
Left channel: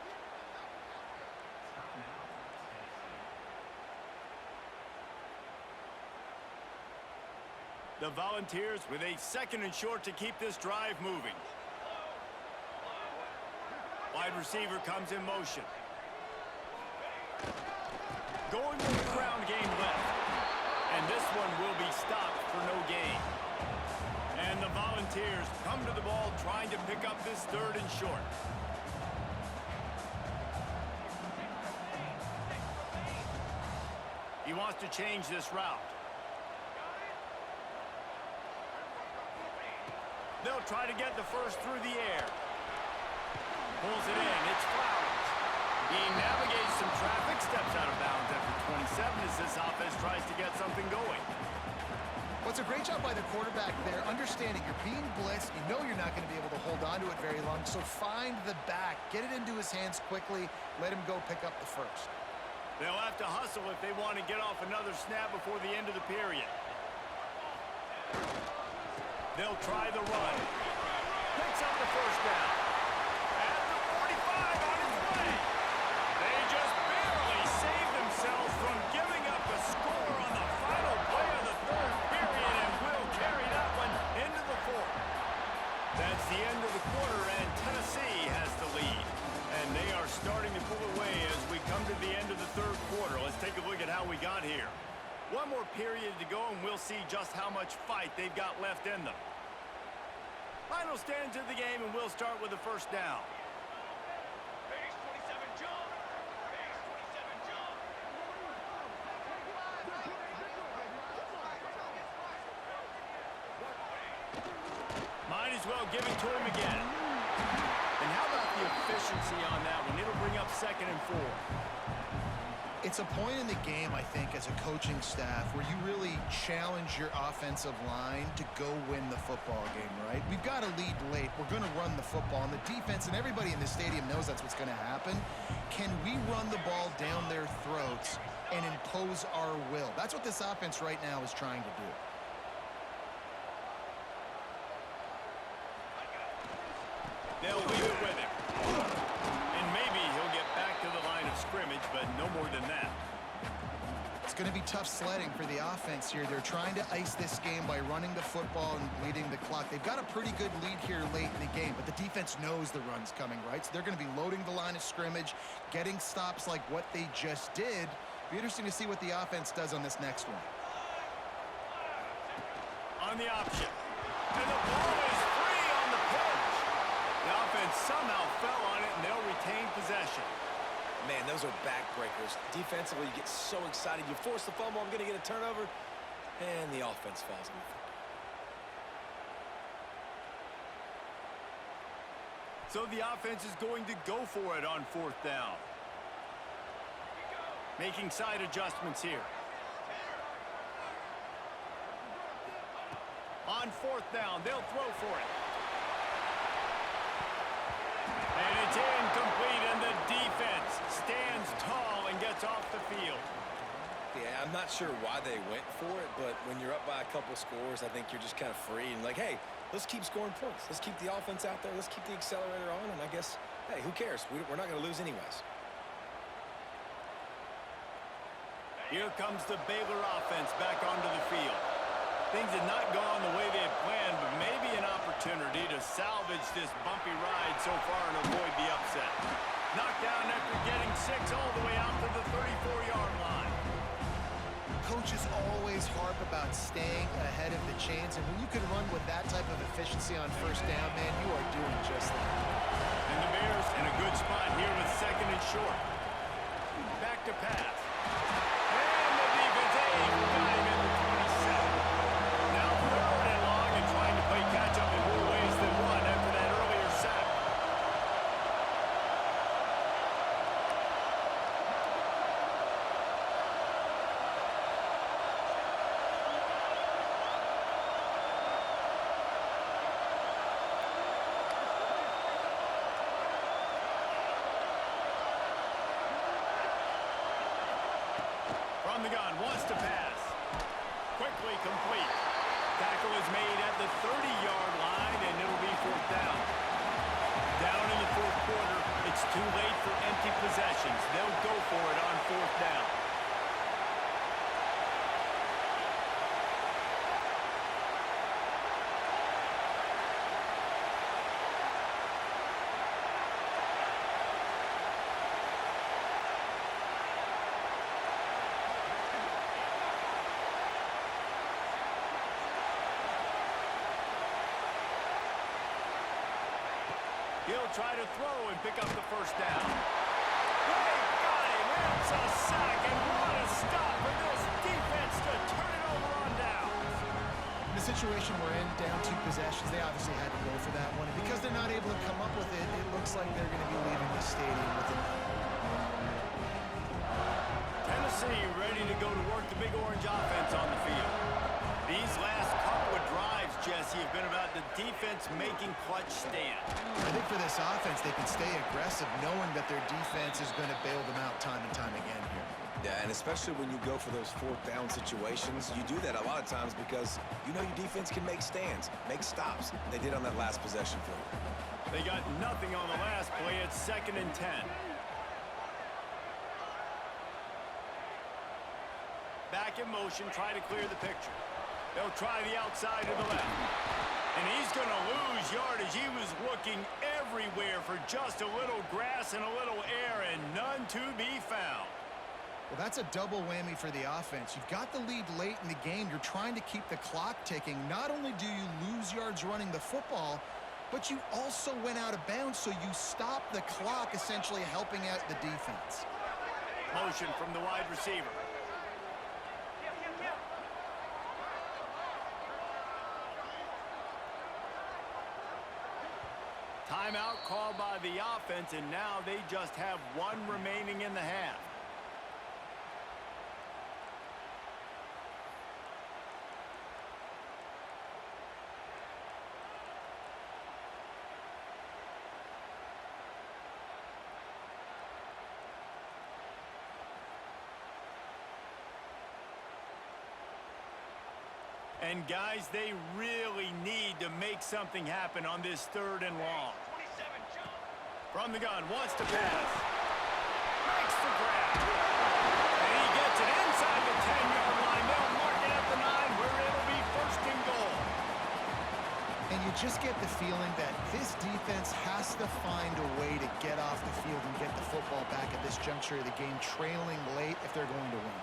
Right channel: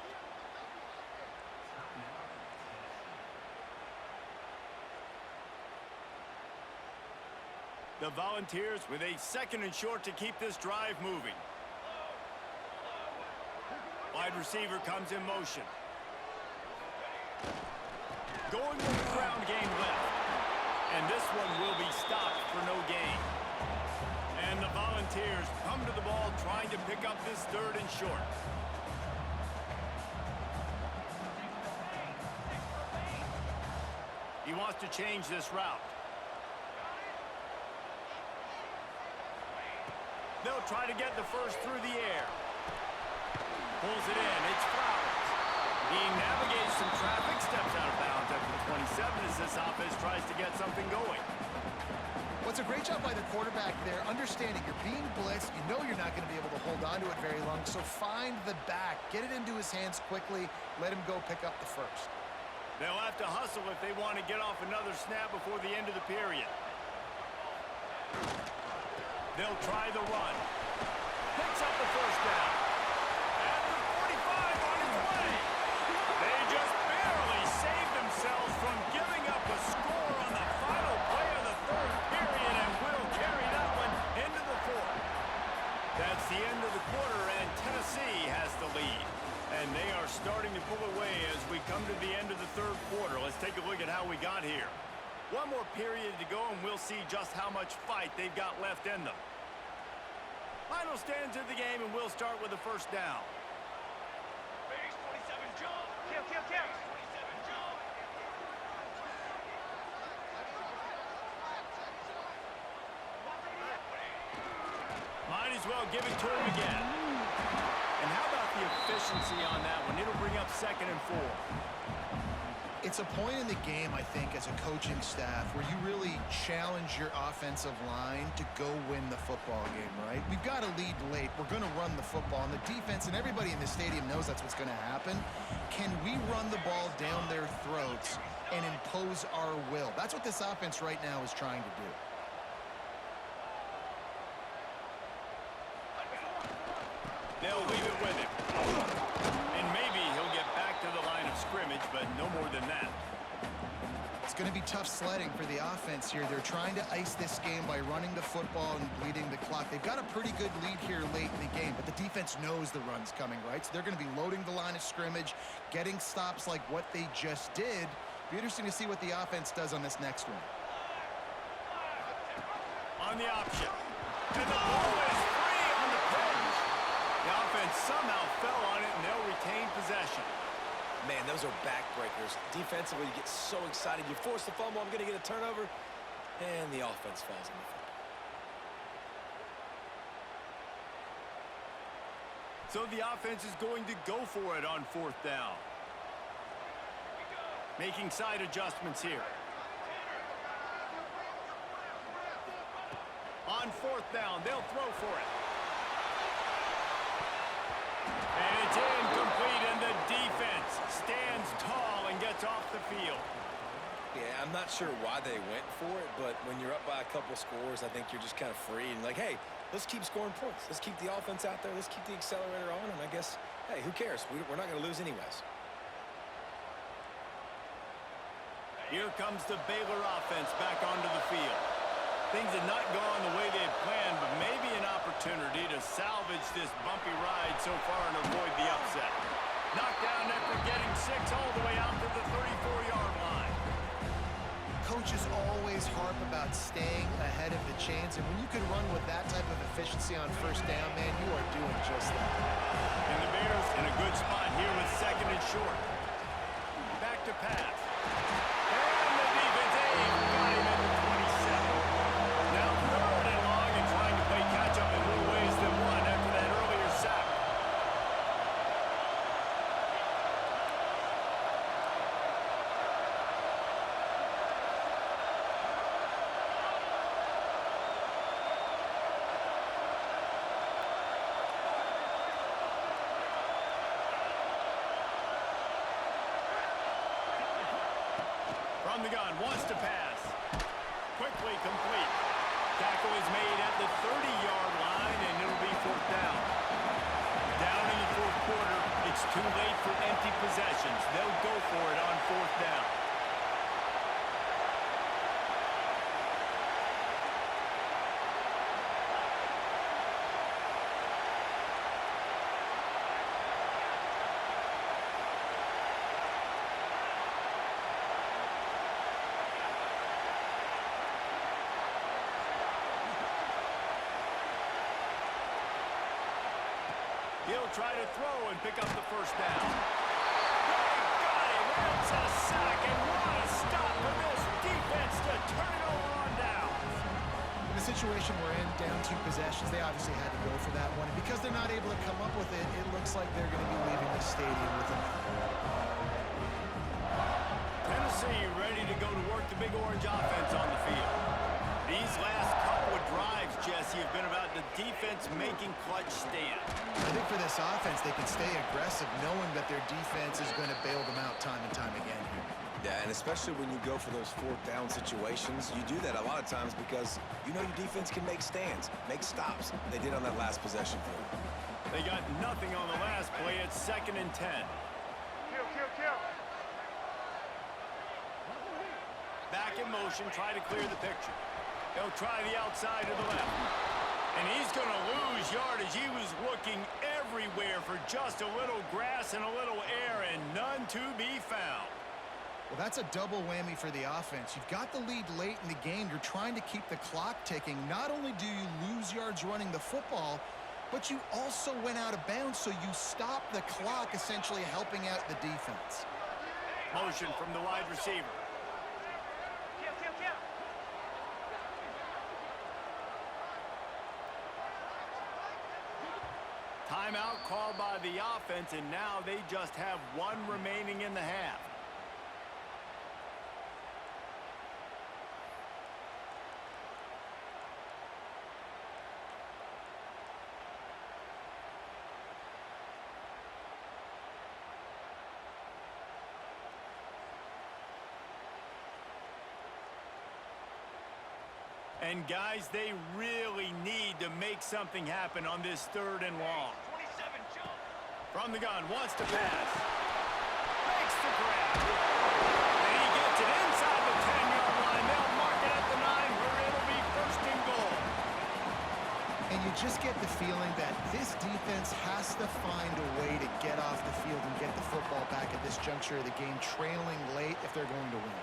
The Volunteers with a 2nd and short to keep this drive moving. Wide receiver comes in motion. Going with the ground game left. And this one will be stopped for no gain. And the Volunteers come to the ball trying to pick up this 3rd and short. He wants to change this route. They'll try to get the first through the air. Pulls it in. It's Flowers. He navigates some traffic, steps out of bounds after 27 as this offense tries to get something going. Well, it's a great job by the quarterback there, understanding you're being blitzed. You know you're not going to be able to hold on to it very long, so find the back. Get it into his hands quickly. Let him go pick up the first. They'll have to hustle if they want to get off another snap before the end of the period. They'll try the run. Picks up the first down. At the 45 on his way. They just barely saved themselves from giving up a score on the final play of the 3rd period and will carry that one into the 4th. That's the end of the quarter, and Tennessee has the lead. And they are starting to pull away as we come to the end of the 3rd quarter. Let's take a look at how we got here. One more period to go, and we'll see just how much fight they've got left in them. Final stands of the game, and we'll start with the first down. Base 27 jump. Base 27 jump. Might as well give it to him again. And how about the efficiency on that one? It'll bring up 2nd and 4. It's a point in the game, I think, as a coaching staff where you really challenge your offensive line to go win the football game, right? We've got to lead late. We're going to run the football, and the defense and everybody in the stadium knows that's what's going to happen. Can we run the ball down their throats and impose our will? That's what this offense right now is trying to do. They'll leave it with him. And maybe he'll get back to the line of scrimmage, but no more than that. It's going to be tough sledding for the offense here. They're trying to ice this game by running the football and bleeding the clock. They've got a pretty good lead here late in the game, but the defense knows the run's coming, right? So they're going to be loading the line of scrimmage, getting stops like what they just did. Be interesting to see what the offense does on this next one. On the option. And the ball is free on the pitch. The offense somehow fell on it, and they'll retain possession. Man, those are backbreakers. Defensively, you get so excited. You force the fumble, I'm going to get a turnover, and the offense falls on the football. So the offense is going to go for it on 4th down. Making side adjustments here. On 4th down, they'll throw for it. And it's incomplete, and the defense stands tall and gets off the field. Yeah, I'm not sure why they went for it, but when you're up by a couple scores, I think you're just kind of free and like, hey, let's keep scoring points. Let's keep the offense out there. Let's keep the accelerator on, and I guess, hey, who cares? We're not going to lose anyways. Here comes the Baylor offense back onto the field. Things had not gone the way they had planned, but maybe an opportunity to salvage this bumpy ride so far and avoid the upset. Knocked down after getting 6 all the way out to the 34-yard line. Coaches always harp about staying ahead of the chains, and when you can run with that type of efficiency on 1st down, man, you are doing just that. And the Bears in a good spot here with 2nd and short. Back to pass. And the defense got him at the 27. Now 3rd and long and trying to play catch-up in more ways than one after that earlier sack. From the gun, wants to pass. Quickly complete. Tackle is made at the 30-yard line, and it'll be fourth down. Down in the fourth quarter, it's too late for empty possessions. They'll go for it on fourth down. He'll try to throw and pick up the first down. They got him. It's a sack, and what a stop for this defense to turn it over on downs. In the situation we're in, down 2 possessions, they obviously had to go for that one. And because they're not able to come up with it, it looks like they're going to be leaving the stadium with it. Tennessee ready to go to work the Big Orange offense on the field. These last couple of drives, Jesse, have been about the defense making clutch stand. I think for this offense, they can stay aggressive knowing that their defense is going to bail them out time and time again here. Yeah, and especially when you go for those fourth down situations, you do that a lot of times because you know your defense can make stands, make stops. They did on that last possession for you. They got nothing on the last play. It's 2nd and 10. Back in motion, try to clear the picture. They'll try the outside to the left. And he's going to lose yardage. He was looking everywhere for just a little grass and a little air, and none to be found. Well, that's a double whammy for the offense. You've got the lead late in the game. You're trying to keep the clock ticking. Not only do you lose yards running the football, but you also went out of bounds, so you stopped the clock, essentially helping out the defense. Motion from the wide receiver. Timeout called by the offense, and now they just have 1 remaining in the half. And guys, they really need to make something happen on this 3rd and long. 27 jump. From the gun, wants to pass. Makes the grab. And he gets it inside the 10-yard line. They'll mark it at the 9 where it'll be 1st and goal. And you just get the feeling that this defense has to find a way to get off the field and get the football back at this juncture of the game, trailing late if they're going to win.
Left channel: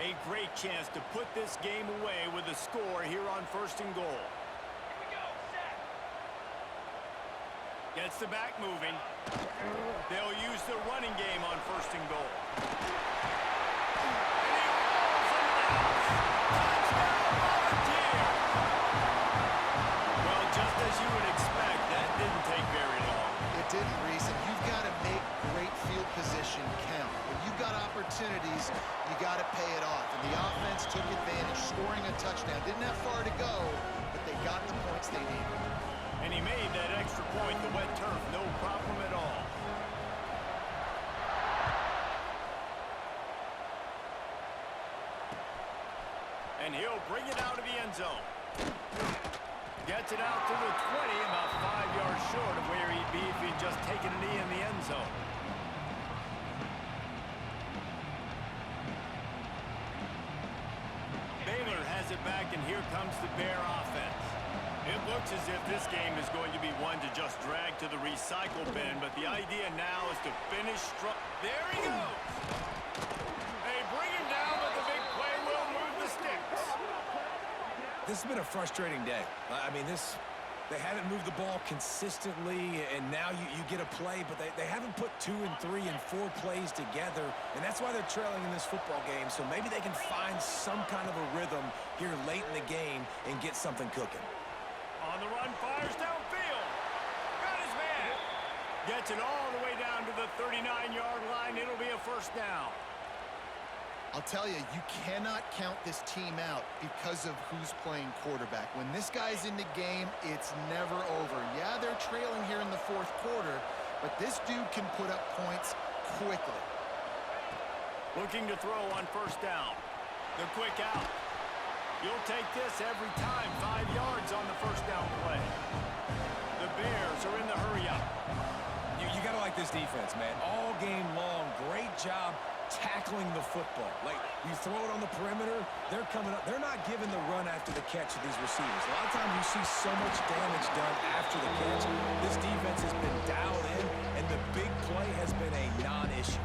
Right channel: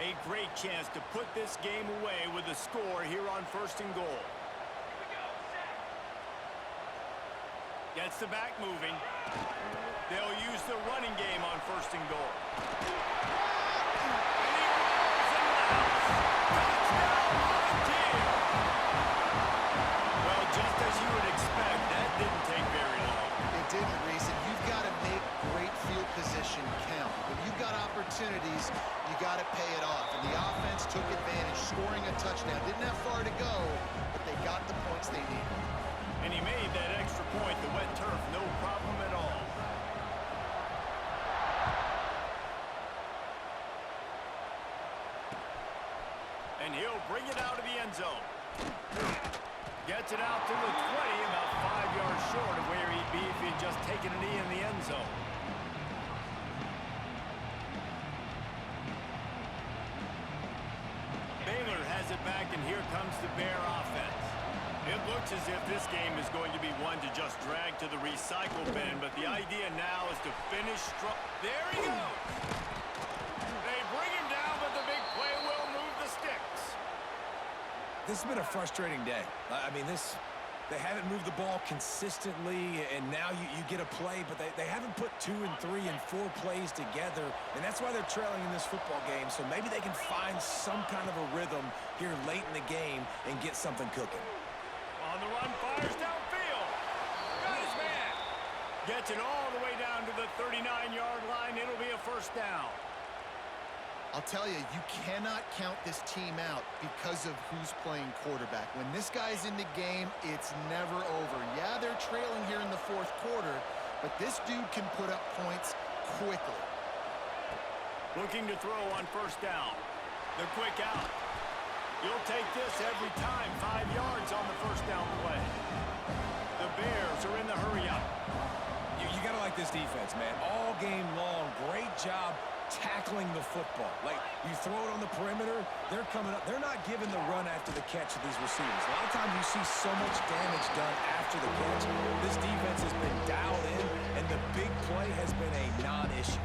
A great chance to put this game away with a score here on 1st and goal. Here we go. Set. Gets the back moving. They'll use the running game on 1st and goal. And he rolls into the house. Touchdown, Volunteers! Well, just as you would expect, that didn't take very long. It didn't, Reese, and you've got to make great field position count. When you've got opportunities, you got to pay it off. And the offense took advantage, scoring a touchdown. Didn't have far to go, but they got the points they needed. And he made that extra point, the wet turf, no problem at all. And he'll bring it out of the end zone. Gets it out to the 20, about 5 yards short of where he'd be if he'd just taken a knee in the end zone. Baylor has it back, and here comes the Bear offense. It looks as if this game is going to be one to just drag to the recycle bin, but the idea now is to finish strong. There he goes! They bring him down, but the big play will move the sticks. This has been a frustrating day. I mean, they haven't moved the ball consistently, and now you get a play, but they haven't put 2 and 3 and 4 plays together, and that's why they're trailing in this football game. So maybe they can find some kind of a rhythm here late in the game and get something cooking. On the run, fires downfield. Got his man. Gets it all the way down to the 39-yard line. It'll be a 1st down. I'll tell you, you cannot count this team out because of who's playing quarterback. When this guy's in the game, it's never over. Yeah, they're trailing here in the 4th quarter, but this dude can put up points quickly. Looking to throw on first down. The quick out. You'll take this every time. 5 yards on the first down play. The Bears are in the hurry-up. You got to like this defense, man. All game long, great job tackling the football. Like, you throw it on the perimeter, they're coming up. They're not giving the run after the catch to these receivers. A lot of times you see so much damage done after the catch. This defense has been dialed in, and the big play has been a non-issue.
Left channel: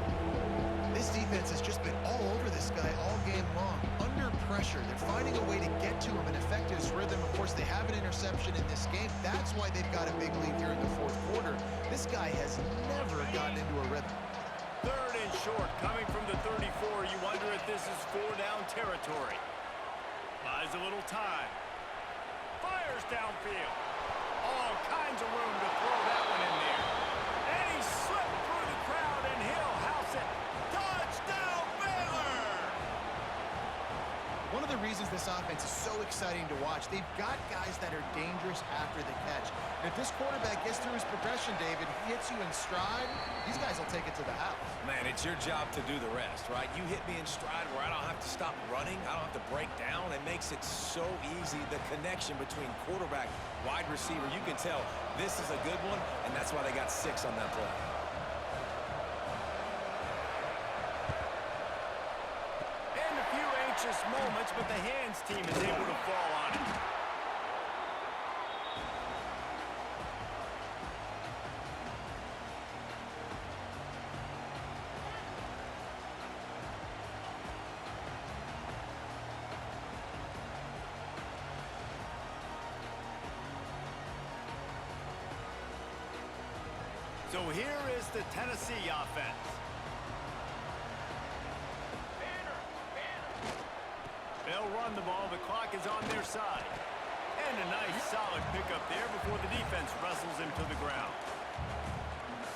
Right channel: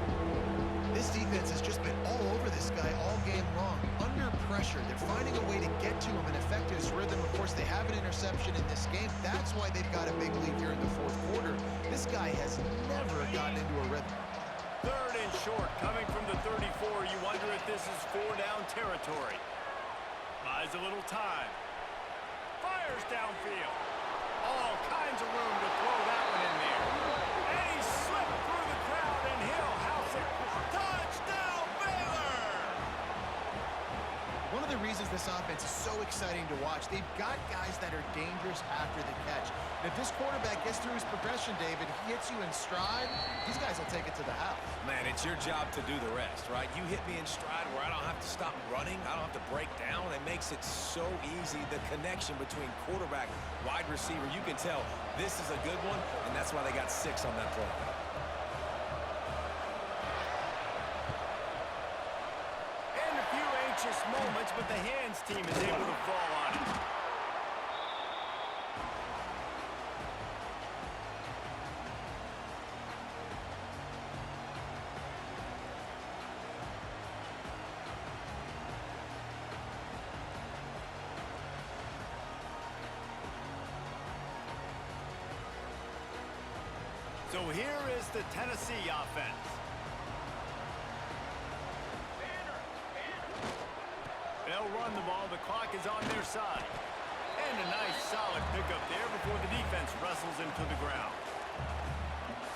This defense has just been all over this guy all game long. Under pressure, they're finding a way to get to him and affect his rhythm. Of course, they have an interception in this game. That's why they've got a big lead here in the fourth quarter. This guy has never gotten into a rhythm. Third and short, coming from the 34. You wonder if this is 4-down territory. Buys a little time. Fires downfield. All kinds of room to throw that one in there. And he slipped through the crowd, and he'll house it. Touchdown, Baylor! One of the reasons this offense is so exciting to watch, they've got guys that are dangerous after the catch. And if this quarterback gets through his progression, David, he hits you in stride, these guys will take it to the house. Man, it's your job to do the rest, right? You hit me in stride where I don't have to stop running. I don't have to break down. It makes it so easy. The connection between quarterback, wide receiver, you can tell this is a good one, and that's why they got 6 on that play. And a few anxious moments, but the hands team is able to fall on it. So here is the Tennessee offense. They'll run the ball. The clock is on their side. And a nice, solid pickup there before the defense wrestles him to the ground.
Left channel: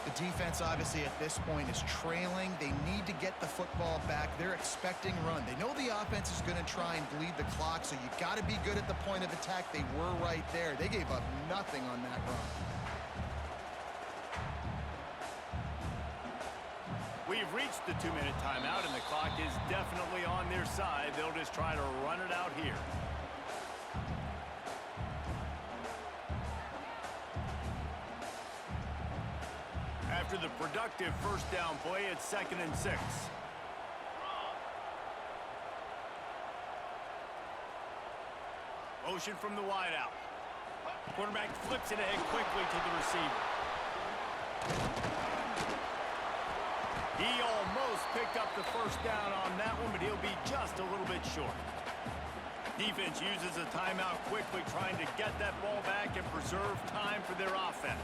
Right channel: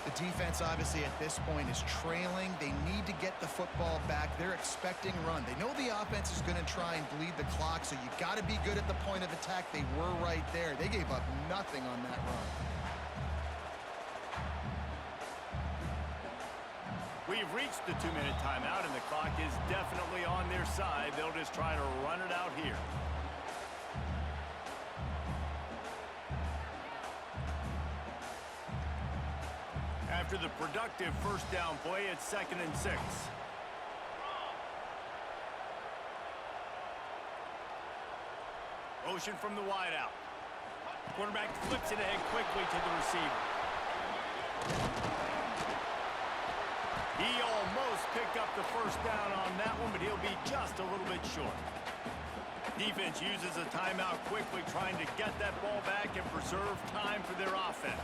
The defense, obviously, at this point is trailing. They need to get the football back. They're expecting run. They know the offense is going to try and bleed the clock, so you got to be good at the point of attack. They were right there. They gave up nothing on that run. We've reached the 2-minute timeout, and the clock is definitely on their side. They'll just try to run it out here. After the productive first down play, it's 2nd and 6. Motion from the wideout. Quarterback flips it ahead quickly to the receiver. He almost picked up the first down on that one, but he'll be just a little bit short. Defense uses a timeout quickly, trying to get that ball back and preserve time for their offense.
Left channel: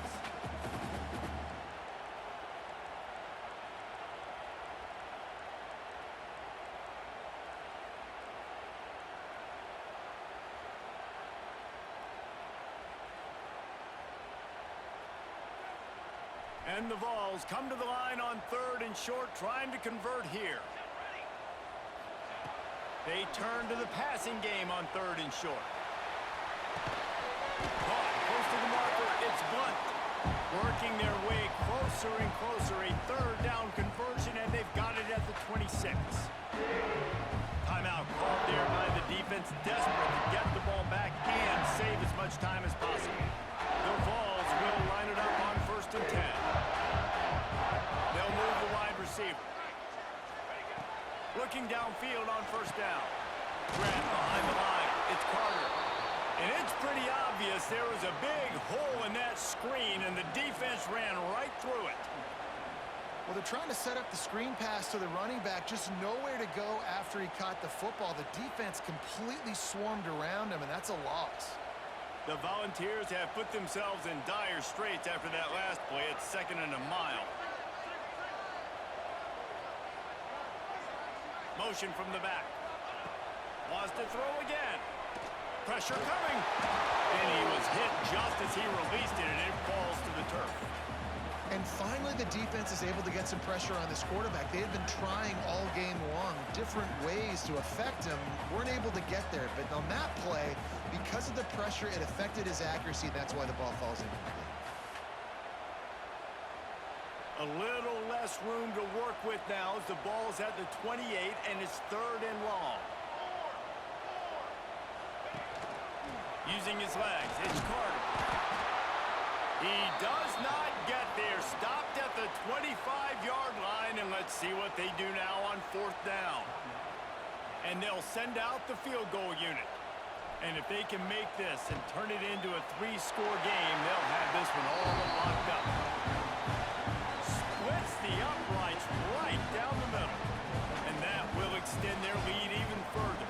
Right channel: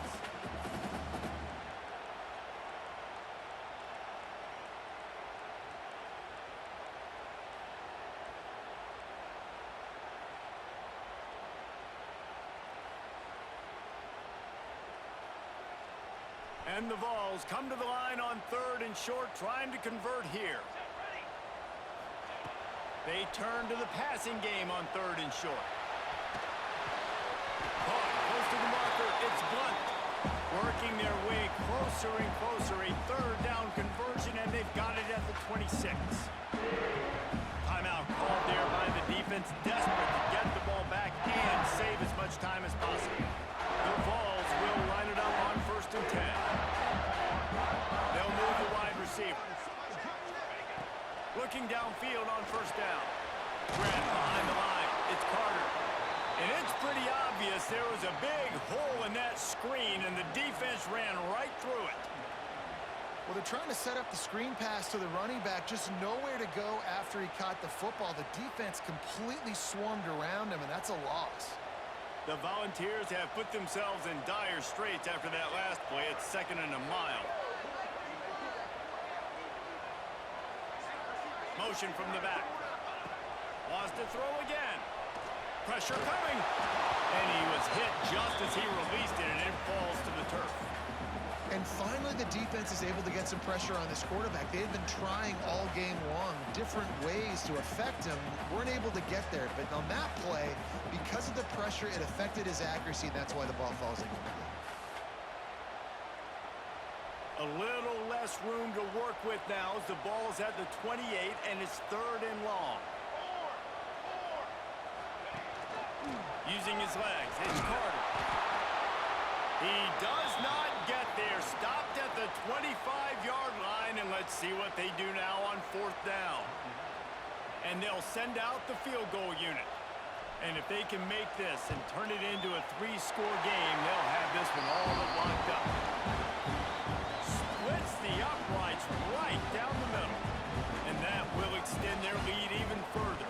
And the Vols come to the line on 3rd and short, trying to convert here. They turn to the passing game on 3rd and short. Caught close to the marker. It's Blunt. Working their way closer and closer. A 3rd down conversion, and they've got it at the 26. Timeout called there by the defense, desperate to get the ball back and save as much time as possible. The Vols will line it up on 1st and 10. They'll move the wide receiver. Looking downfield on 1st down. Grab behind the line. It's Carter. And it's pretty obvious there was a big hole in that screen, and the defense ran right through it. Well, they're trying to set up the screen pass to the running back, just nowhere to go after he caught the football. The defense completely swarmed around him, and that's a loss. The Volunteers have put themselves in dire straits after that last play. It's 2nd and a mile. Motion from the back. Wants to throw again. Pressure coming. And he was hit just as he released it, and it falls to the turf. And finally, the defense is able to get some pressure on this quarterback. They had been trying all game long different ways to affect him. Weren't able to get there. But on that play, because of the pressure, it affected his accuracy. And that's why the ball falls incomplete. A A little less room to work with now as the ball's at the 28 and it's 3rd and long. Using his legs, it's Carter. He does not get there. Stopped at the 25-yard line, and let's see what they do now on 4th down. And they'll send out the field goal unit. And if they can make this and turn it into a 3-score game, they'll have this one all but locked up. Splits the uprights right down the middle. And that will extend their lead even further.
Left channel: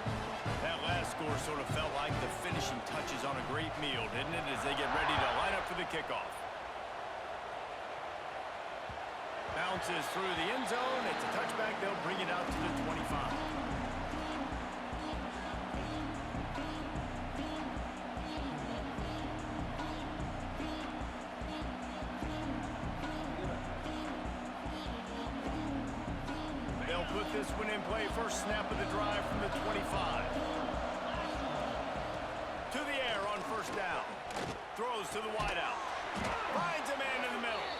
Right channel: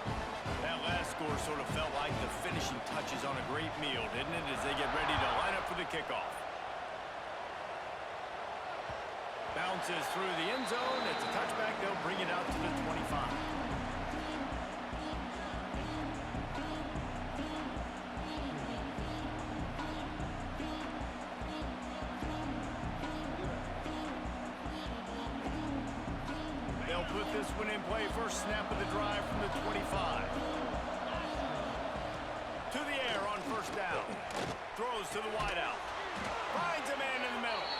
That last score sort of felt like the finishing touches on a great meal, didn't it, as they get ready to line up for the kickoff. Bounces through the end zone. It's a touchback. They'll bring it out to the 25. They'll put this one in play. First snap of the drive from the 25. To the air on 1st down. Throws to the wideout. Finds a man in the middle.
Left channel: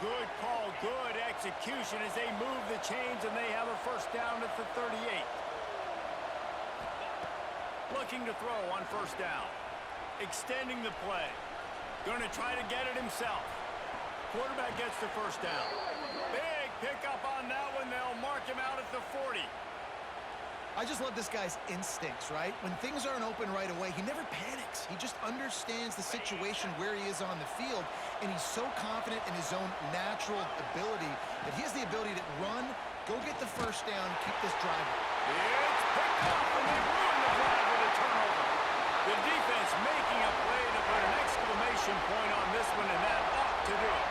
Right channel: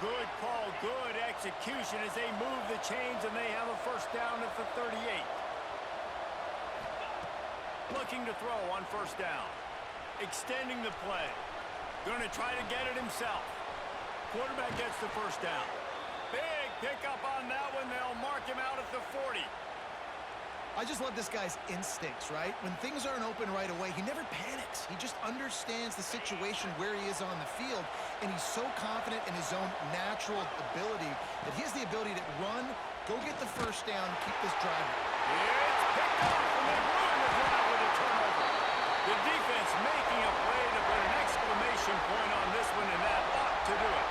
Good call, good execution as they move the chains and they have a 1st down at the 38. Looking to throw on 1st down. Extending the play. Going to try to get it himself. Quarterback gets the 1st down. Big pickup on that one. They'll mark him out at the 40. I just love this guy's instincts, right? When things aren't open right away, he never panics. He just understands the situation where he is on the field, and he's so confident in his own natural ability that he has the ability to run, go get the 1st down, keep this drive. It's picked off, and they ruin the drive with a turnover. The defense making a play to put an exclamation point on this one, and that ought to do it.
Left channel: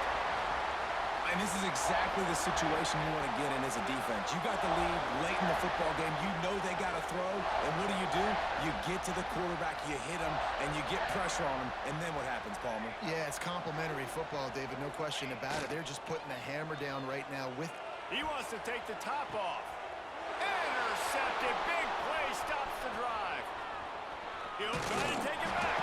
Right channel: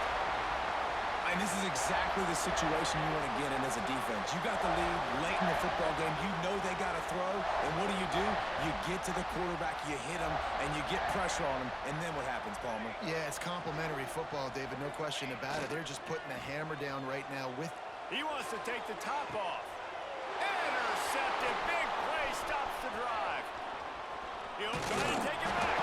And this is exactly the situation you want to get in as a defense. You got the lead late in the football game. You know they got to throw. And what do? You get to the quarterback, you hit him, and you get pressure on him. And then what happens, Palmer? Yeah, it's complimentary football, David. No question about it. They're just putting the hammer down right now with... He wants to take the top off. Intercepted. Big play stops the drive. He'll try to take it back.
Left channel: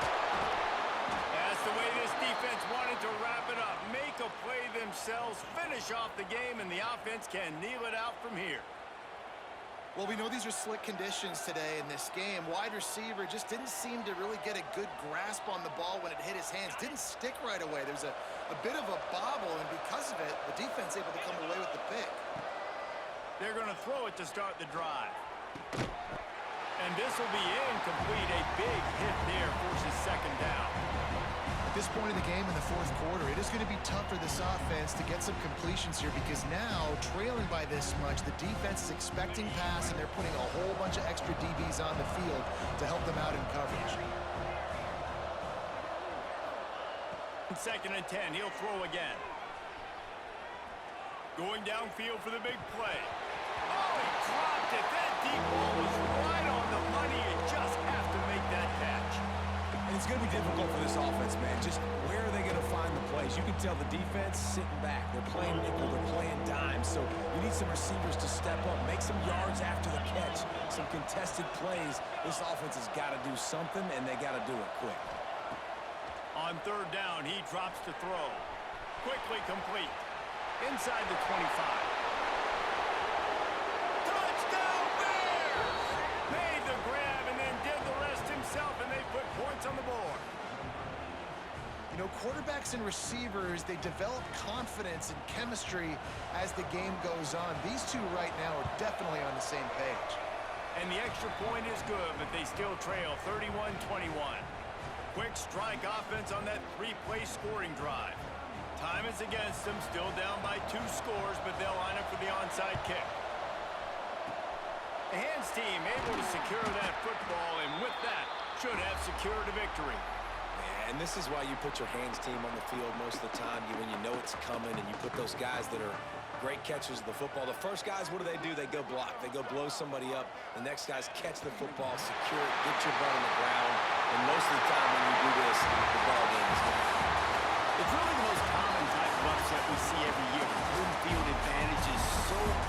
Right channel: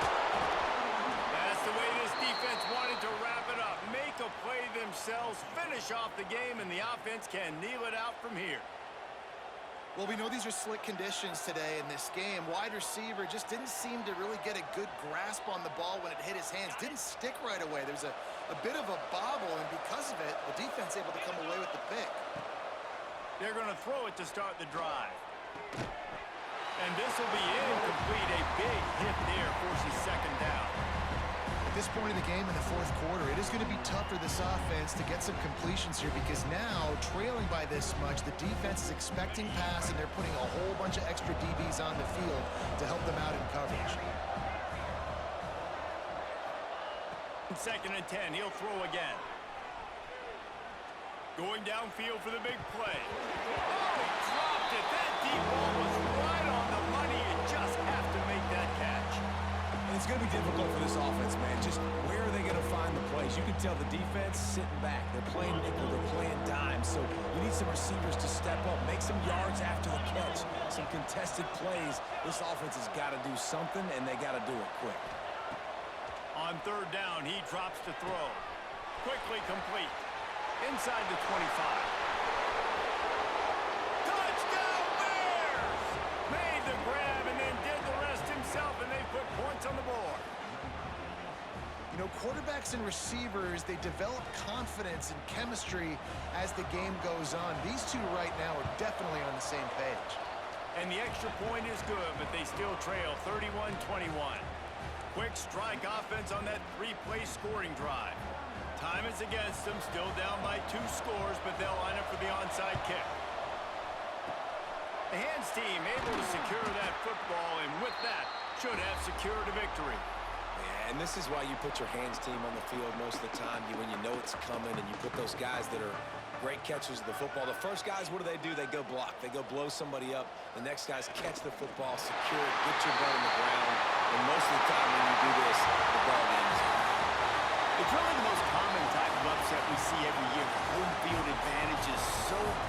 That's the way this defense wanted to wrap it up. Make a play themselves, finish off the game, and the offense can kneel it out from here. Well, we know these are slick conditions today in this game. Wide receiver just didn't seem to really get a good grasp on the ball when it hit his hands. Didn't stick right away. There's a bit of a bobble, and because of it, the defense able to come away with the pick. They're going to throw it to start the drive. And this will be incomplete. A big hit there forces 2nd down. At this point in the game in the 4th quarter, it is going to be tough for this offense to get some completions here because now, trailing by this much, the defense is expecting pass, and they're putting a whole bunch of extra DBs on the field to help them out in coverage. 2nd and 10. He'll throw again. Going downfield for the big play. Oh, he dropped it. That deep ball was right on the money. You just have to make that catch. And it's going to be difficult for this offense, man. Just where are they going to find the plays? You can tell the defense sitting back. They're playing nickel. They're playing dime. So you need some receivers to step up, make some yards after the catch, some contested plays. This offense has got to do something, and they got to do it quick. On 3rd down, he drops to throw. Quickly complete. Inside the 25. Touchdown Bears! Made the grab and then did the rest himself, and they put points on the board. You know, quarterbacks and receivers, they develop confidence and chemistry as the game goes on. These two right now are definitely on the same page. And the extra point is good, but they still trail 31-21. Quick strike offense on that 3-play scoring drive. Time is against them, still down by 2 scores, but they'll line up for the onside kick. The hands team able to secure that football, and with that, should have secured a victory. Yeah, and this is why you put your hands team on the field most of the time. When you know it's coming, and you put those guys that are great catchers of the football. The first guys, what do? They go block. They go blow somebody up. The next guys catch the football, secure it, get your butt on the ground. And most of the time when you do this, the ball game is over. It's really the most common type of upset we see every year. The home field advantage is so